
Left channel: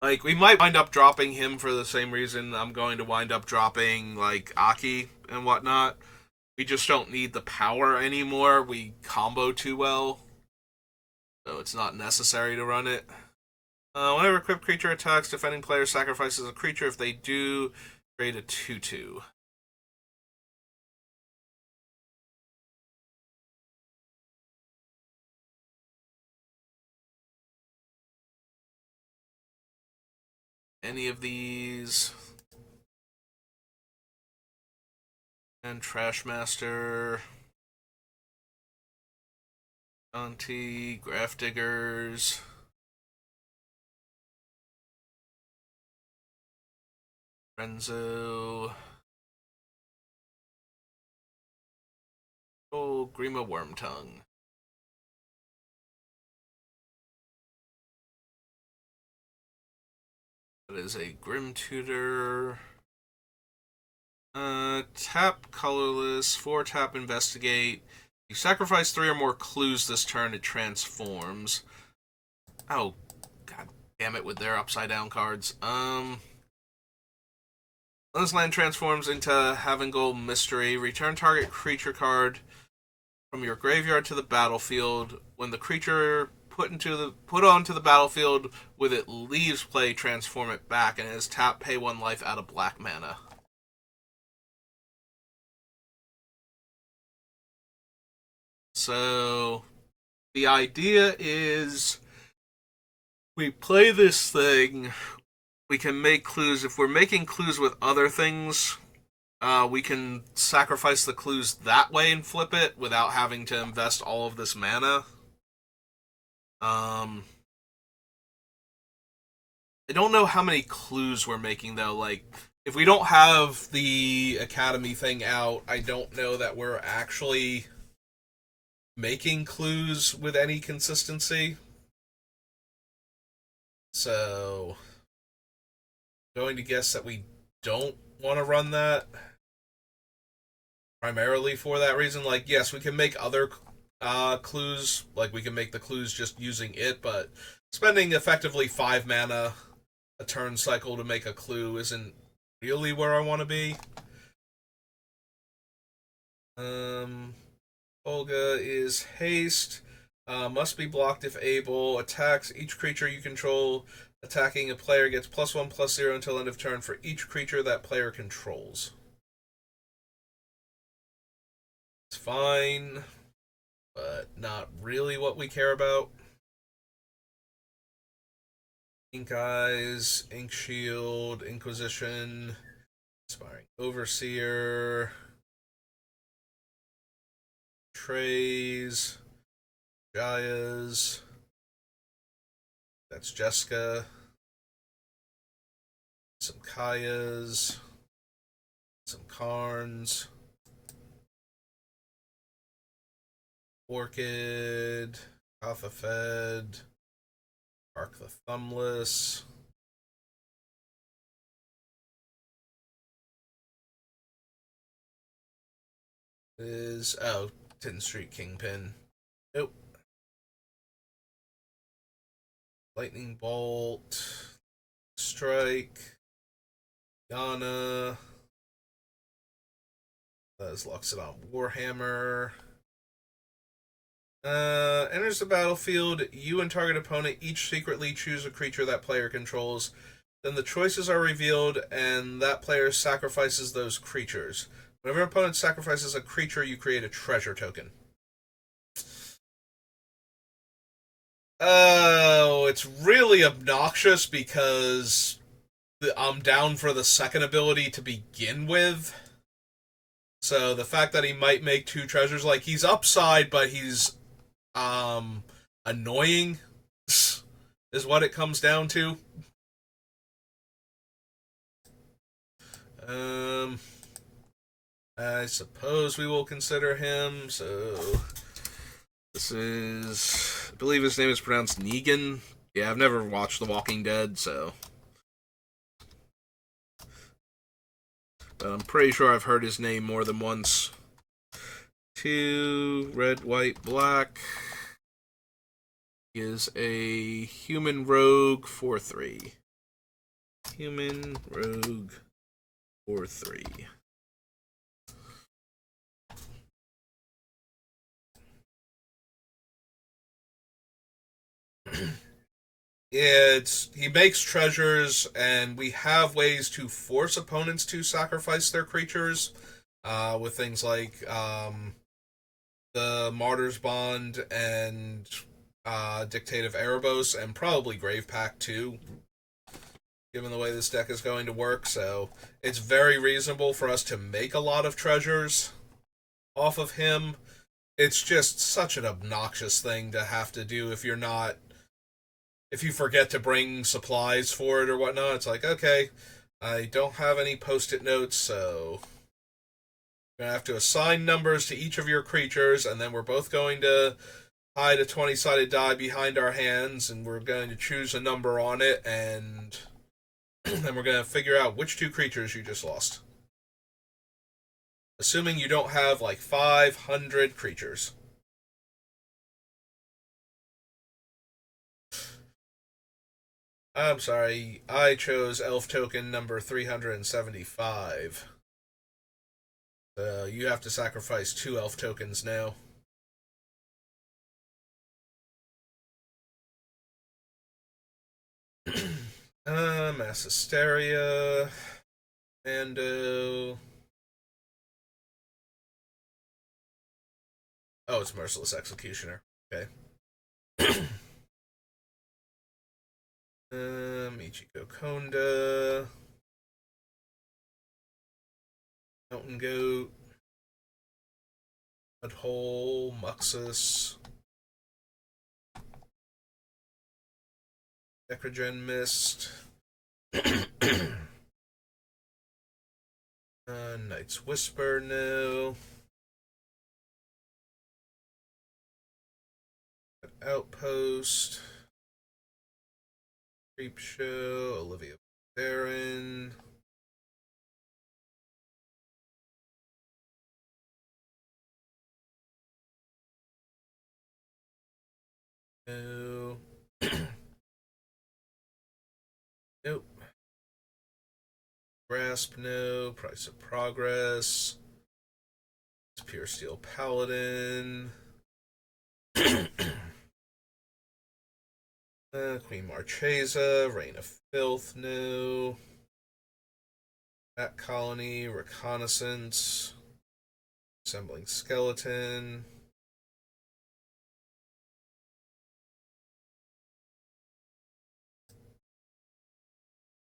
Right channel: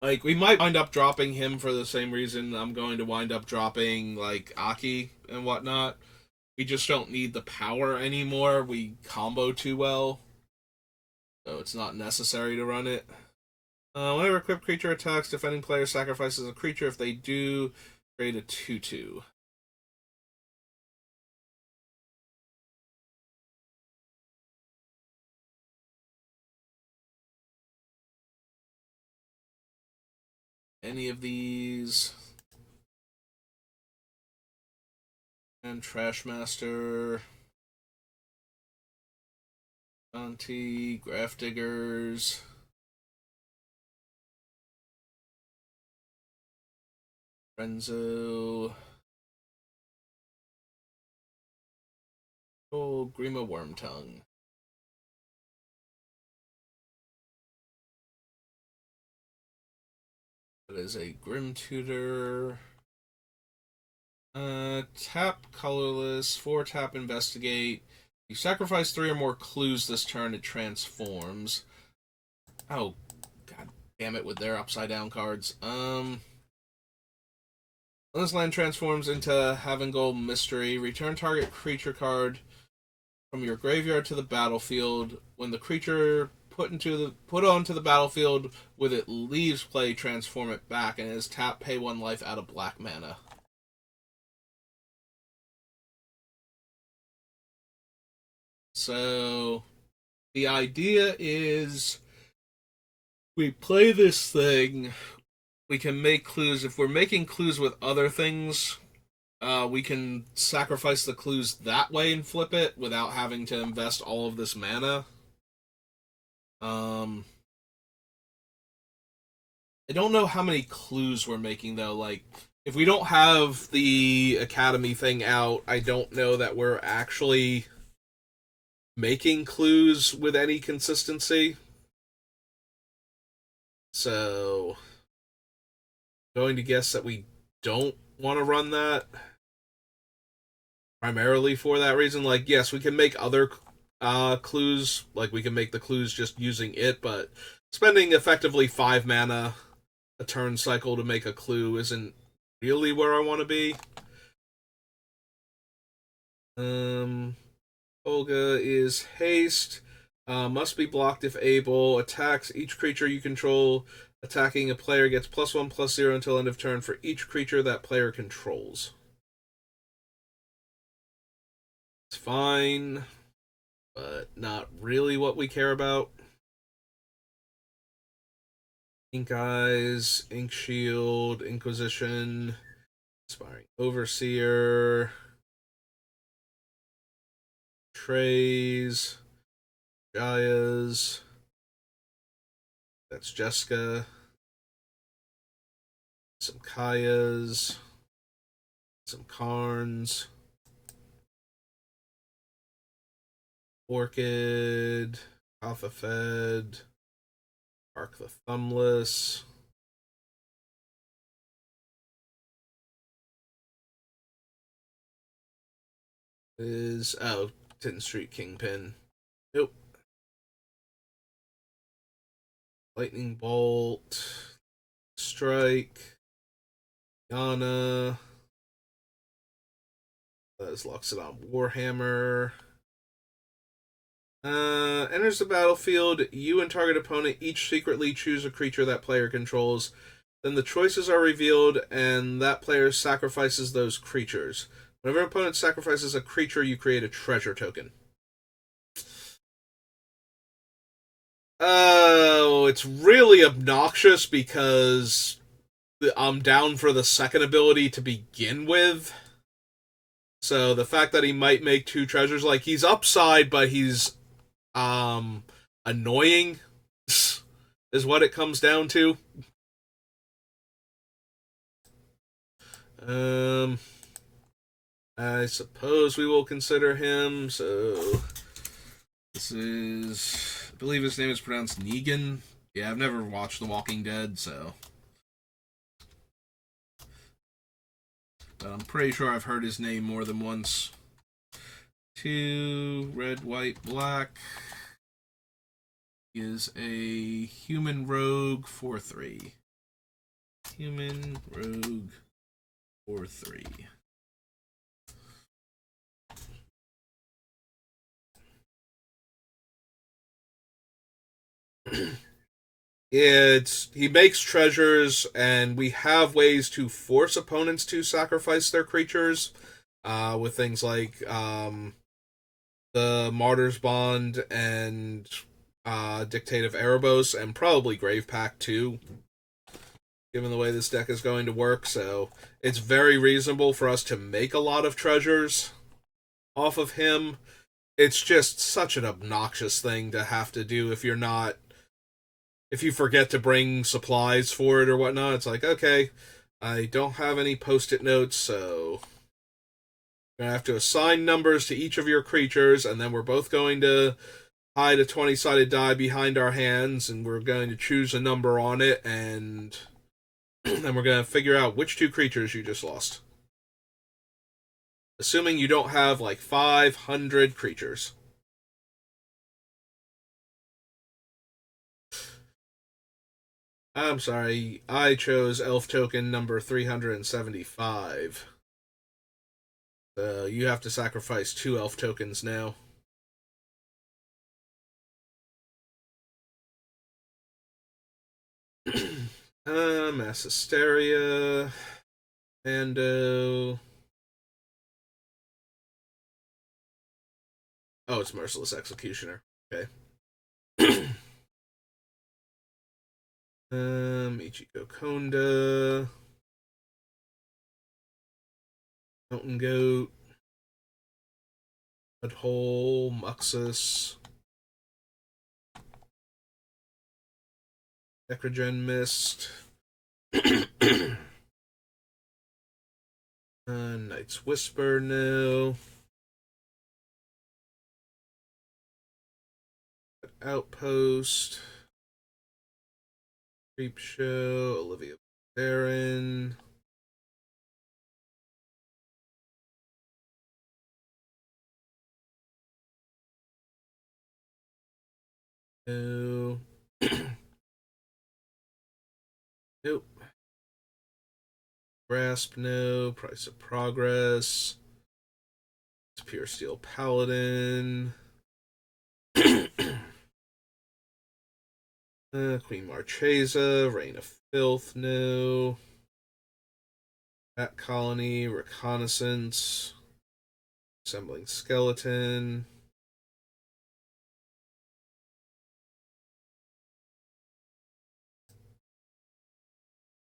Like, we might wind up dropping him for the same reason I'm going to wind up dropping, like, Aki and whatnot. We just don't need the power anymore. We combo too well. So it's not necessary to run it. Whenever equipped creature attacks, defending player sacrifices a creature. If they do, create a 2/2. Any of these. And Trashmaster. Shanti, Grafdiggers. Renzo. Oh, Grima Wormtongue. That is a Grim Tutor. Tap colorless, 4 tap investigate. You sacrifice 3 or more clues this turn, it transforms. Oh, god damn it with their upside down cards. When this land transforms into Havengold Mystery, return target creature card from your graveyard to the battlefield. When the creature put onto the battlefield with it leaves play, transform it back, and it is tap, pay 1 life out of black mana. So the idea is we play this thing, we can make clues. If we're making clues with other things, we can sacrifice the clues that way and flip it without having to invest all of this mana. I don't know how many clues we're making, though. Like, if we don't have the Academy thing out, I don't know that we're actually making clues with any consistency. So, I'm going to guess that we don't want to run that primarily for that reason. Like, yes, we can make other clues, like we can make the clues just using it, but spending effectively 5 mana a turn cycle to make a clue isn't really where I want to be. Olga is haste. Must be blocked if able. Attacks each creature you control. Attacking a player gets +1/+0 until end of turn for each creature that player controls. It's fine, but not really what we care about. Ink Eyes, Ink Shield, Inquisition, Inspiring Overseer, Trays, Jayas. That's Jessica. Some Kayas. Some Karns. Orchid. Alpha Fed. Arc the Thumbless. Is 10th Street Kingpin. Nope. Lightning Bolt. Strike. Yana. That's Loxodon Warhammer. Enters the battlefield. You and target opponent each secretly choose a creature that player controls. Then the choices are revealed, and that player sacrifices those creatures. Whenever an opponent sacrifices a creature, you create a treasure token. Oh, it's really obnoxious because I'm down for the second ability to begin with. So the fact that he might make two treasures, like he's upside, but he's annoying is what it comes down to. I suppose we will consider him. So this is, I believe his name is pronounced Negan. Yeah, I've never watched The Walking Dead, so, but I'm pretty sure I've heard his name more than once. 2 red, white, black. He is a human rogue 4/3. Human rogue 4/3. He makes treasures, and we have ways to force opponents to sacrifice their creatures, with things like the Martyr's Bond and Dictate of Erebos, and probably Grave Pact too, given the way this deck is going to work. So it's very reasonable for us to make a lot of treasures off of him. It's just such an obnoxious thing to have to do if you forget to bring supplies for it or whatnot. It's like, okay, I don't have any post-it notes, so I'm going to have to assign numbers to each of your creatures, and then we're both going to hide a 20-sided die behind our hands, and we're going to choose a number on it, and then we're going to figure out which two creatures you just lost. Assuming you don't have like 500 creatures. I'm sorry, I chose elf token number 375. So you have to sacrifice 2 elf tokens now. Mass Hysteria, Mando. Oh, it's Merciless Executioner. Okay. Ichiko Konda. Mountain Goat. Mudhole. Muxus. Necrogen Mist. Knight's Whisper, no. Outpost. Creep Show. Olivia Baron. No. Nope. Grasp, no. Price of Progress. It's Pure Steel Paladin. Queen Marchesa. Reign of Filth, no. Bat Colony. Reconnaissance. Assembling Skeleton.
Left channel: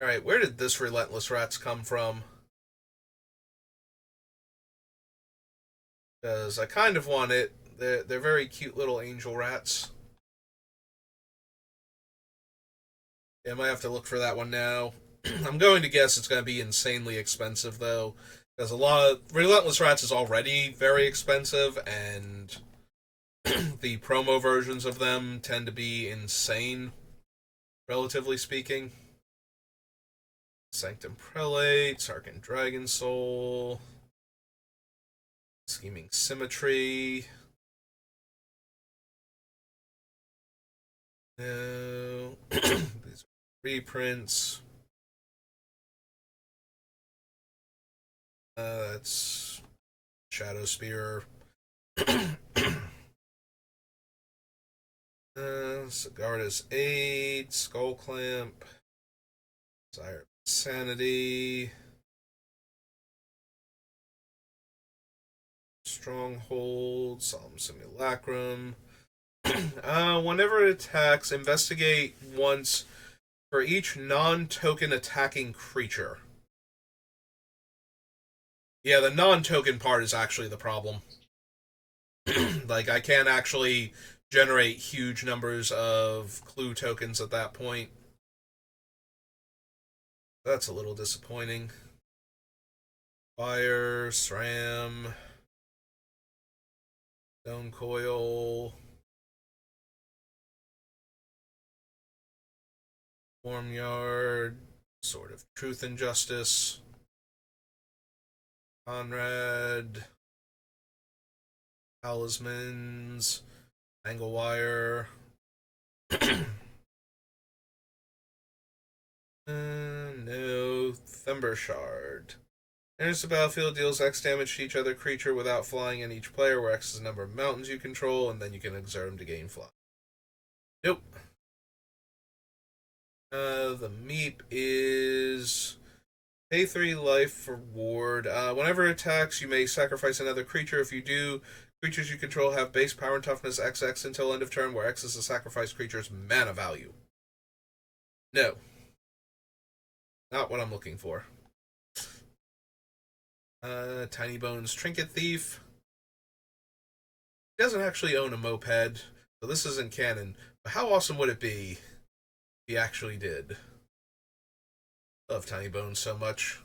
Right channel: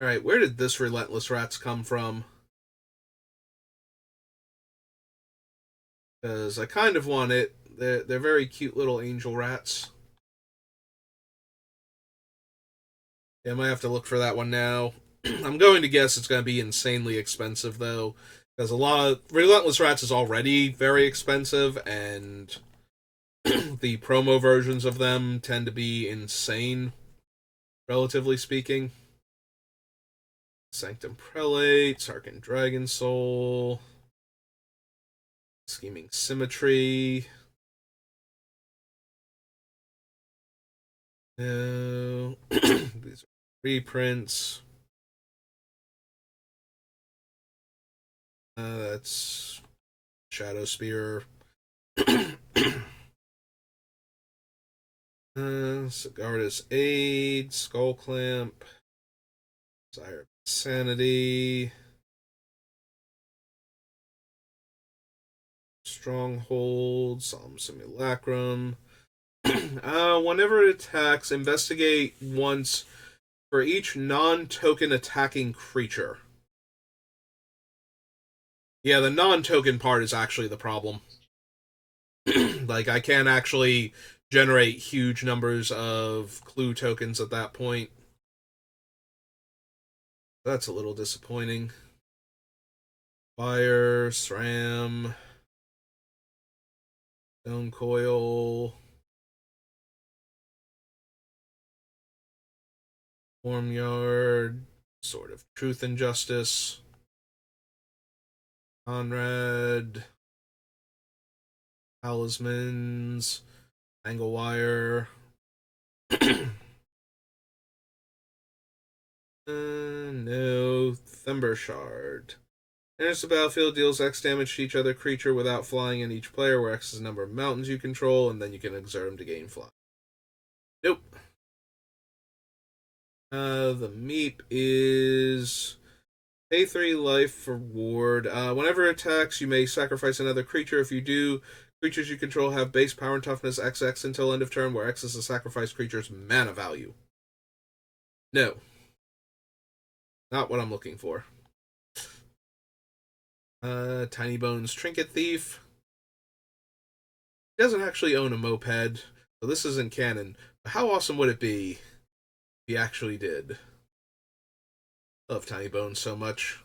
Alright, where did this Relentless Rats come from? Because I kind of want it. They're very cute little angel rats. Yeah, I might have to look for that one now. I'm going to guess it's going to be insanely expensive, though. Because a lot of Relentless Rats is already very expensive, and the promo versions of them tend to be insane, relatively speaking. Sanctum Prelate, Sarkin Dragon Soul, Scheming Symmetry. No. These are reprints. That's Shadow Spear. Sigarda's Aid, Skull Clamp, Desire of Insanity, Stronghold, Solemn Simulacrum. Whenever it attacks, investigate once for each non-token attacking creature. Yeah, the non-token part is actually the problem. Like, I can't actually generate huge numbers of clue tokens at that point. That's a little disappointing. Fire, SRAM, Stone Coil, Farmyard, Sword of Truth and Justice, Conrad, Talismans, Anglewire. No, Thumber Shard. Enters the battlefield, deals X damage to each other creature without flying in each player, where X is the number of mountains you control, and then you can exert them to gain fly. Nope. The Meep is pay 3 life for ward. Whenever it attacks, you may sacrifice another creature. If you do, creatures you control have base power and toughness XX until end of turn, where X is the sacrificed creature's mana value. No. Not what I'm looking for. Tiny Bones Trinket Thief. He doesn't actually own a moped, so this isn't canon. But how awesome would it be if he actually did? Love Tiny Bones so much.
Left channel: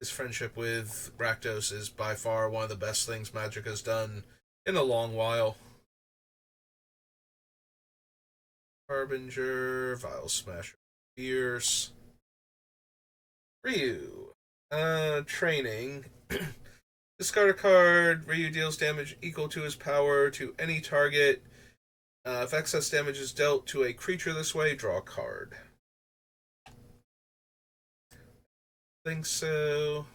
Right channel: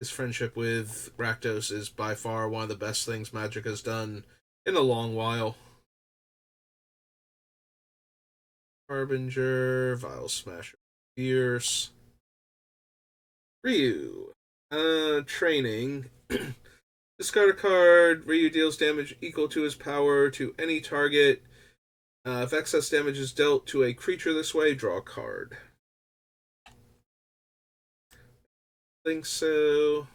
His friendship with Rakdos is by far one of the best things Magic has done in a long while. Harbinger, Vile Smasher, Fierce. Ryu. Training. Discard a card. Ryu deals damage equal to his power to any target. If excess damage is dealt to a creature this way, draw a card. Think so.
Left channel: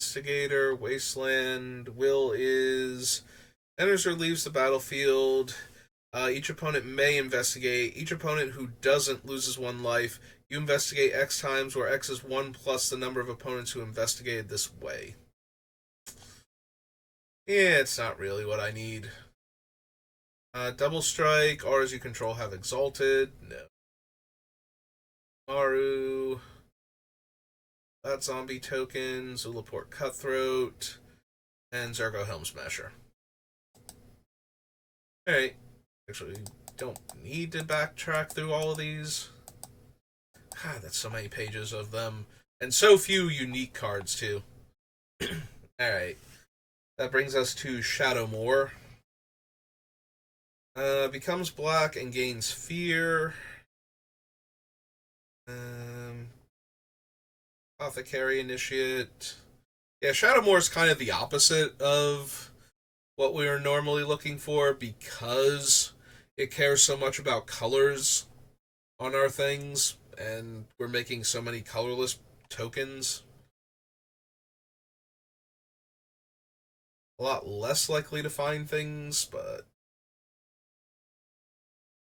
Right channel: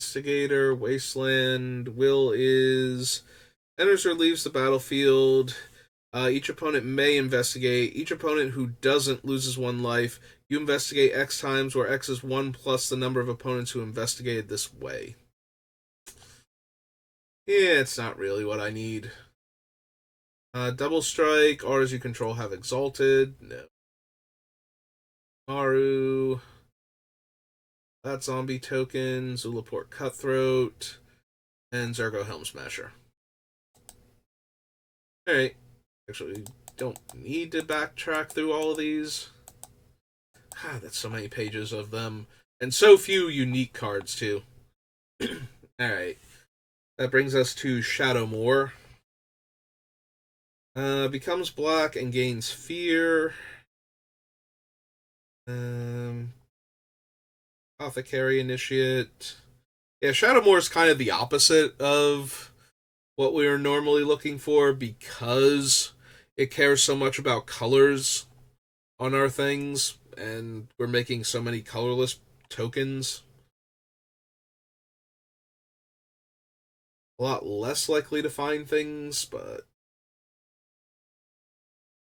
Instigator, Wasteland. Will is enters or leaves the battlefield. Each opponent may investigate. Each opponent who doesn't loses 1 life. You investigate X times, where X is 1 plus the number of opponents who investigated this way. Yeah, it's not really what I need. Double Strike. Auras you control have Exalted. No. Maru. That Zombie Token. Zulaport Cutthroat. And Zergo Helm Smasher. Alright. Actually, don't need to backtrack through all of these. God, that's so many pages of them. And so few unique cards, too. Alright. That brings us to Shadowmoor. Becomes black and gains fear. Apothecary Initiate. Yeah, Shadowmoor is kind of the opposite of what we are normally looking for, because it cares so much about colors on our things, and we're making so many colorless tokens. A lot less likely to find things, but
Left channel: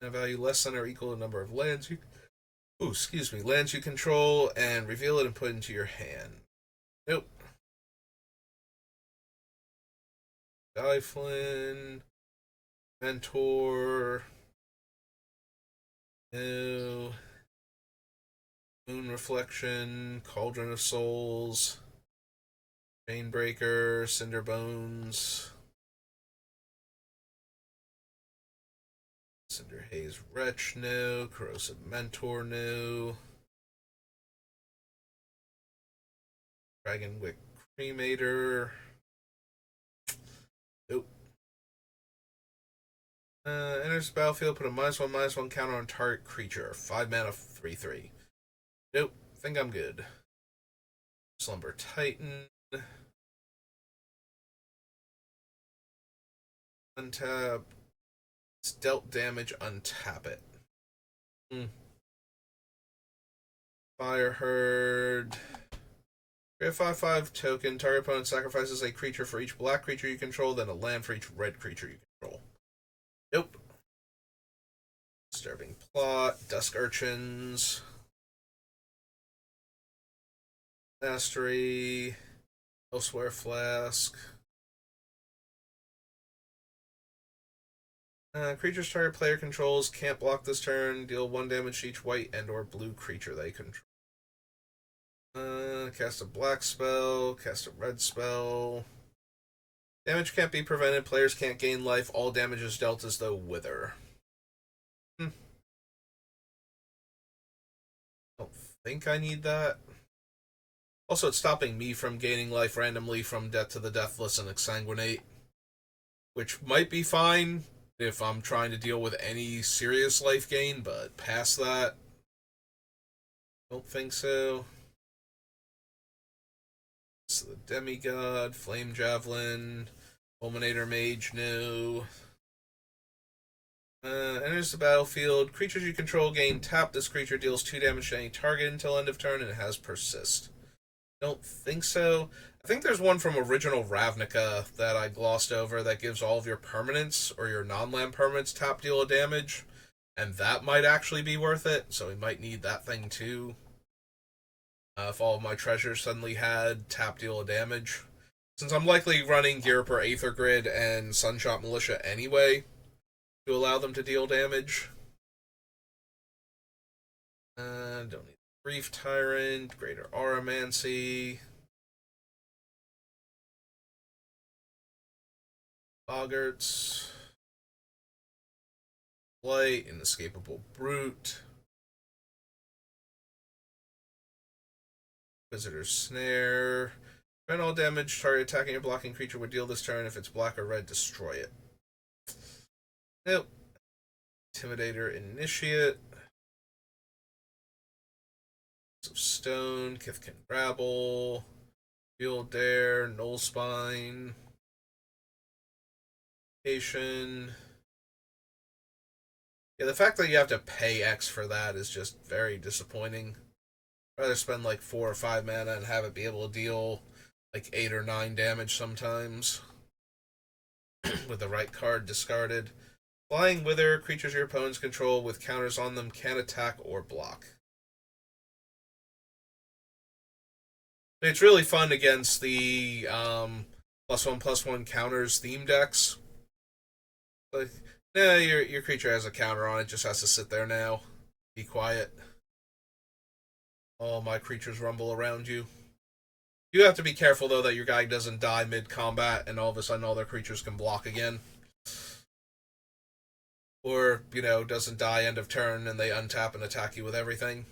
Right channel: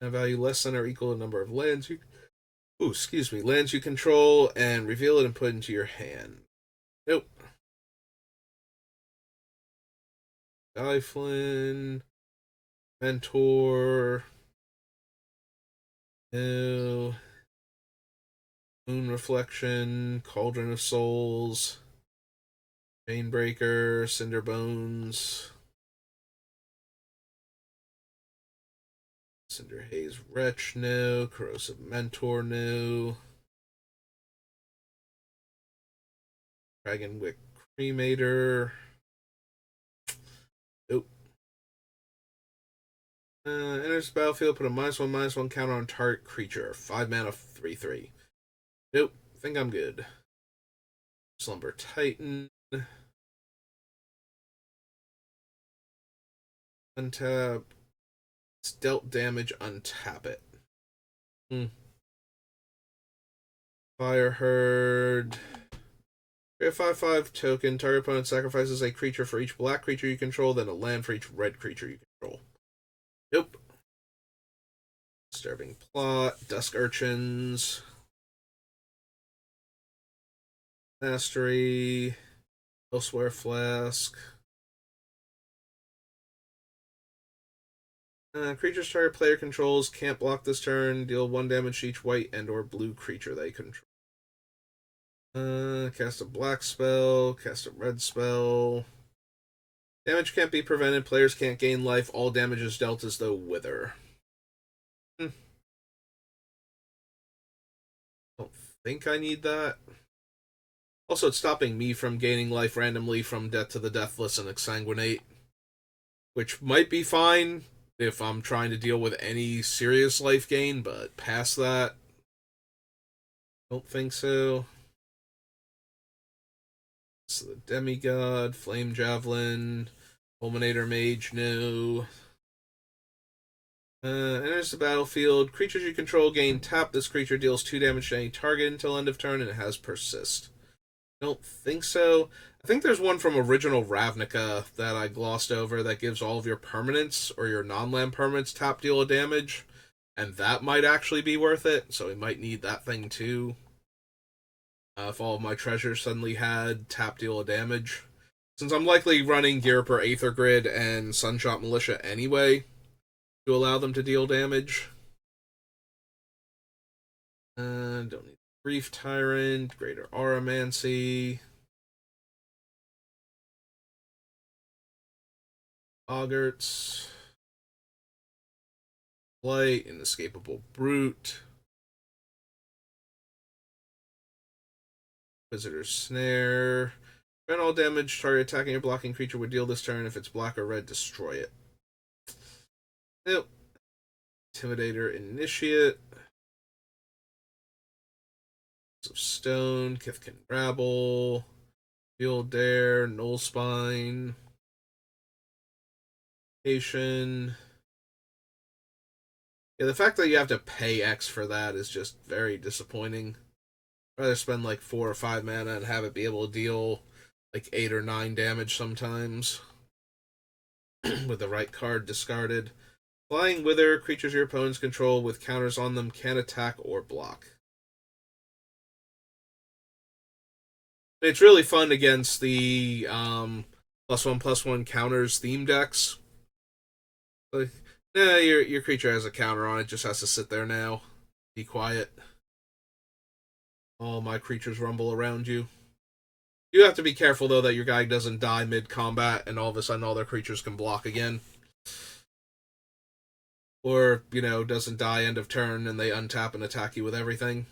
a value less than or equal to the number of lands you lands you control, and reveal it and put it into your hand. Nope. Dyflin, Mentor, no. Moon Reflection, Cauldron of Souls, Chainbreaker, Cinder Bones, Cinder Haze Wretch, no. Corrosive Mentor, no. Dragonwick Cremator, nope. Enters the battlefield, put a -1/-1 counter on target creature. 5 mana, 3/3. Nope. think I'm good. Slumber Titan. Untap. It's dealt damage, untap it. Fire Herd. Create a 5/5 token. Target opponent sacrifices a creature for each black creature you control, then a land for each red creature you control. Nope. Disturbing Plot. Dusk Urchins. Mastery. Elsewhere Flask. Creatures target player controls can't block this turn. Deal 1 damage to each white and or blue creature they control. Cast a black spell. Cast a red spell. Damage can't be prevented. Players can't gain life. All damage is dealt as though wither. Don't think I need that. Also, it's stopping me from gaining life randomly from Death to the Deathless and Exsanguinate, which might be fine if I'm trying to deal with any serious life gain, but past that, don't think so. So the Demigod, Flame Javelin, Fulminator Mage, no. Enters the battlefield. Creatures you control gain tap. This creature deals 2 damage to any target until end of turn, and it has Persist. Don't think so. I think there's one from original Ravnica that I glossed over that gives all of your permanents or your non-land permanents tap deal of damage, and that might actually be worth it, so we might need that thing too. If all of my treasures suddenly had tap deal of damage. Since I'm likely running Ghirapur Aether Grid and Sunshot Militia anyway, to allow them to deal damage. Don't need Grief Tyrant, Greater Auramancy. Boggarts. Blight, Inescapable Brute. Visitor's Snare. Prevent all damage. Target attacking or blocking creature would deal this turn. If it's black or red, destroy it. Nope. Intimidator Initiate. Of Stone, Kithkin Rabble, Field Dare, Null Spine, Patient. Yeah, the fact that you have to pay X for that is just very disappointing. I'd rather spend like 4 or 5 mana and have it be able to deal like 8 or 9 damage sometimes. With the right card discarded. Flying Wither, creatures your opponents control with counters on them can attack or block. It's really fun against the +1/+1 counters theme decks. Like, nah, your creature has a counter on it, just has to sit there now. Be quiet. All my creatures rumble around you. You have to be careful, though, that your guy doesn't die mid-combat and all of a sudden all their creatures can block again. Or, doesn't die end of turn and they untap and attack you with everything.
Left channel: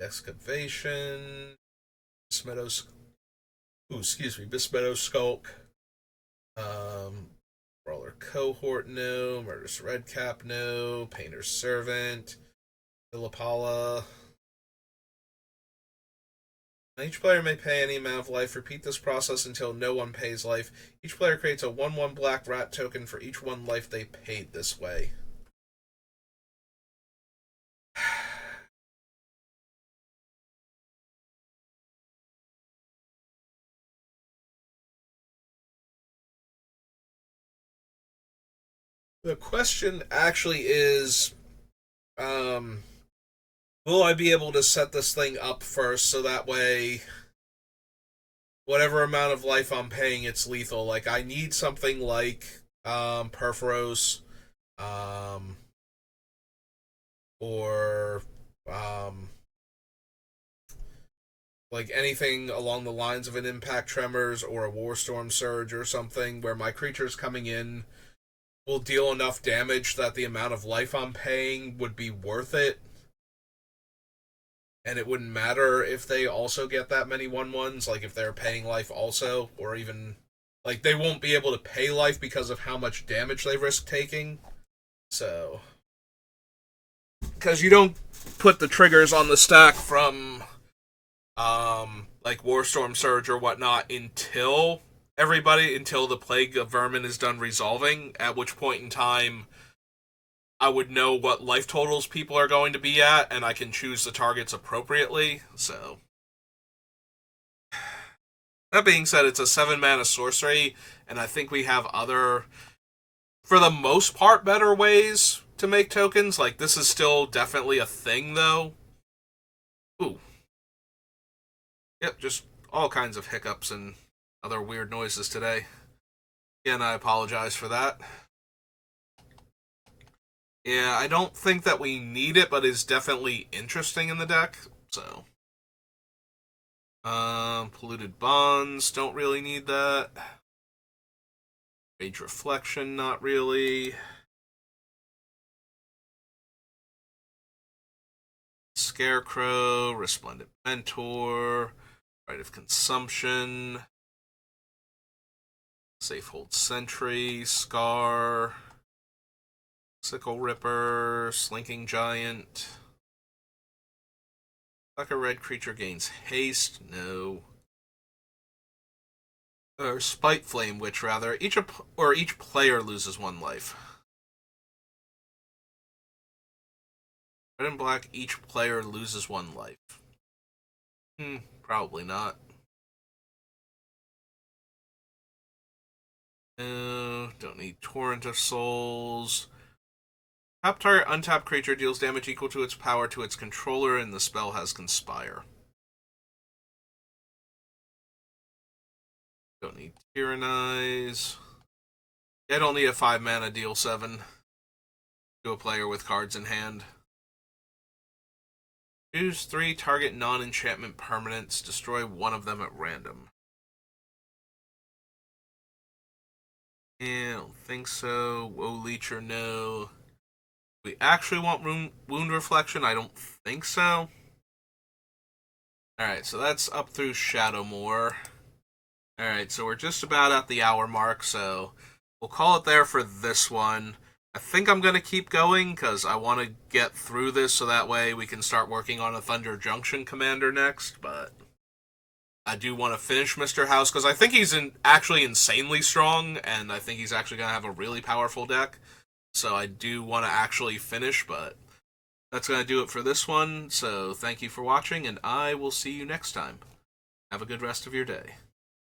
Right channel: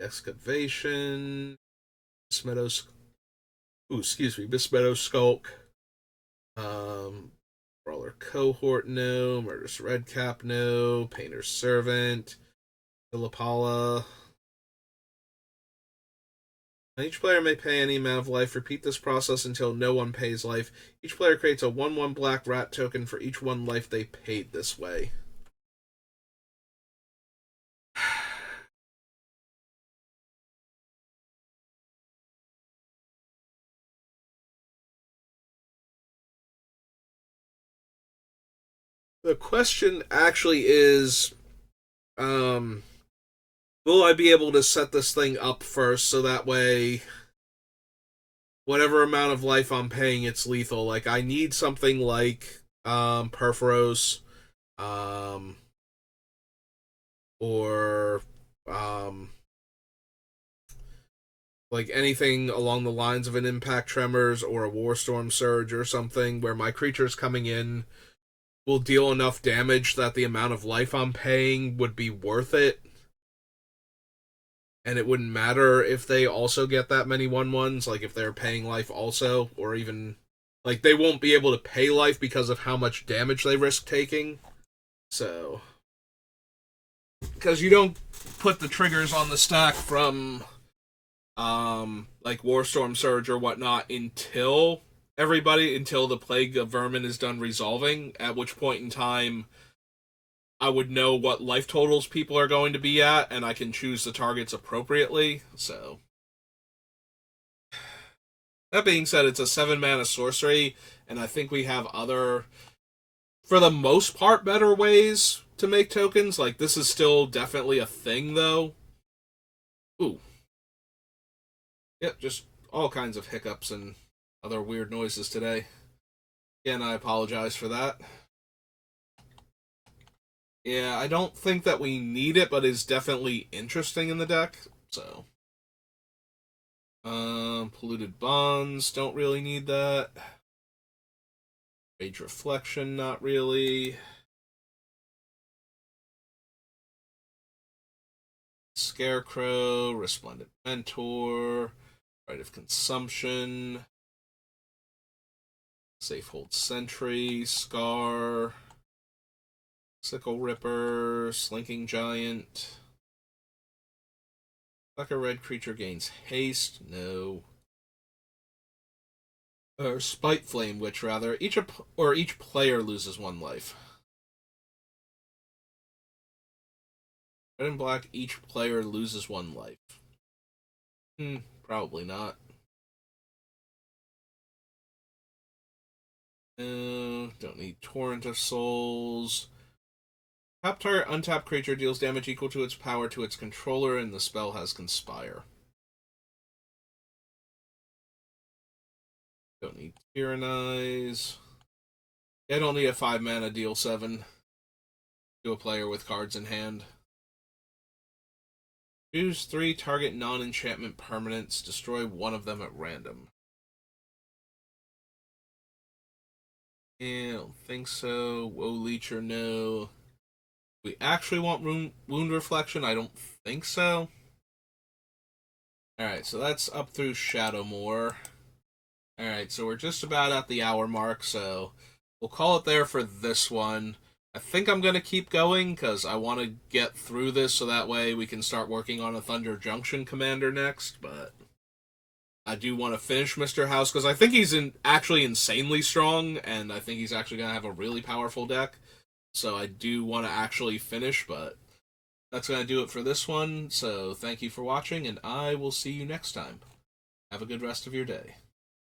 Excavation. Mismeadow Skulk. Brawler Cohort, no. Murderous Redcap, no. Painter's Servant. Philippala. Each player may pay any amount of life. Repeat this process until no one pays life. Each player creates a 1/1 black rat token for each 1 life they paid this way. The question actually is, will I be able to set this thing up first so that way whatever amount of life I'm paying, it's lethal? Like, I need something like Perforos, or like anything along the lines of an Impact Tremors or a Warstorm Surge or something where my creatures coming in will deal enough damage that the amount of life I'm paying would be worth it. And it wouldn't matter if they also get that many 1/1s, like if they're paying life also, or even, like, they won't be able to pay life because of how much damage they risk taking. So, because you don't put the triggers on the stack from like Warstorm Surge or whatnot until the Plague of Vermin is done resolving, at which point in time I would know what life totals people are going to be at, and I can choose the targets appropriately. So, that being said, it's a 7-mana sorcery, and I think we have other, for the most part, better ways to make tokens. Like, this is still definitely a thing, though. Ooh. Yep, just all kinds of hiccups and other weird noises today. Again, I apologize for that. Yeah, I don't think that we need it, but it's definitely interesting in the deck, so. Polluted Bonds, don't really need that. Rage Reflection, not really. Scarecrow, Resplendent Mentor, Rite of Consumption, Safehold Sentry, Scar, Sickle Ripper, Slinking Giant. Like a red creature gains haste, no. Or Spite Flame Witch, rather. Each player loses 1 life. Red and black, each player loses 1 life. Probably not. No, don't need Torrent of Souls. Top target untapped creature deals damage equal to its power to its controller, and the spell has Conspire. Don't need Tyrannize. I don't need a 5-mana deal 7 to a player with cards in hand. Choose 3 target non-enchantment permanents. Destroy 1 of them at random. Yeah, I don't think so. Woe Leecher, no. We actually want Wound Reflection? I don't think so. Alright, so that's up through Shadowmoor. Alright, so we're just about at the hour mark, so we'll call it there for this one. I think I'm going to keep going, because I want to get through this so that way we can start working on a Thunder Junction commander next, but I do want to finish Mr. House, because I think he's actually insanely strong, and I think he's actually going to have a really powerful deck. So I do want to actually finish, but that's going to do it for this one. So thank you for watching, and I will see you next time. Have a good rest of your day.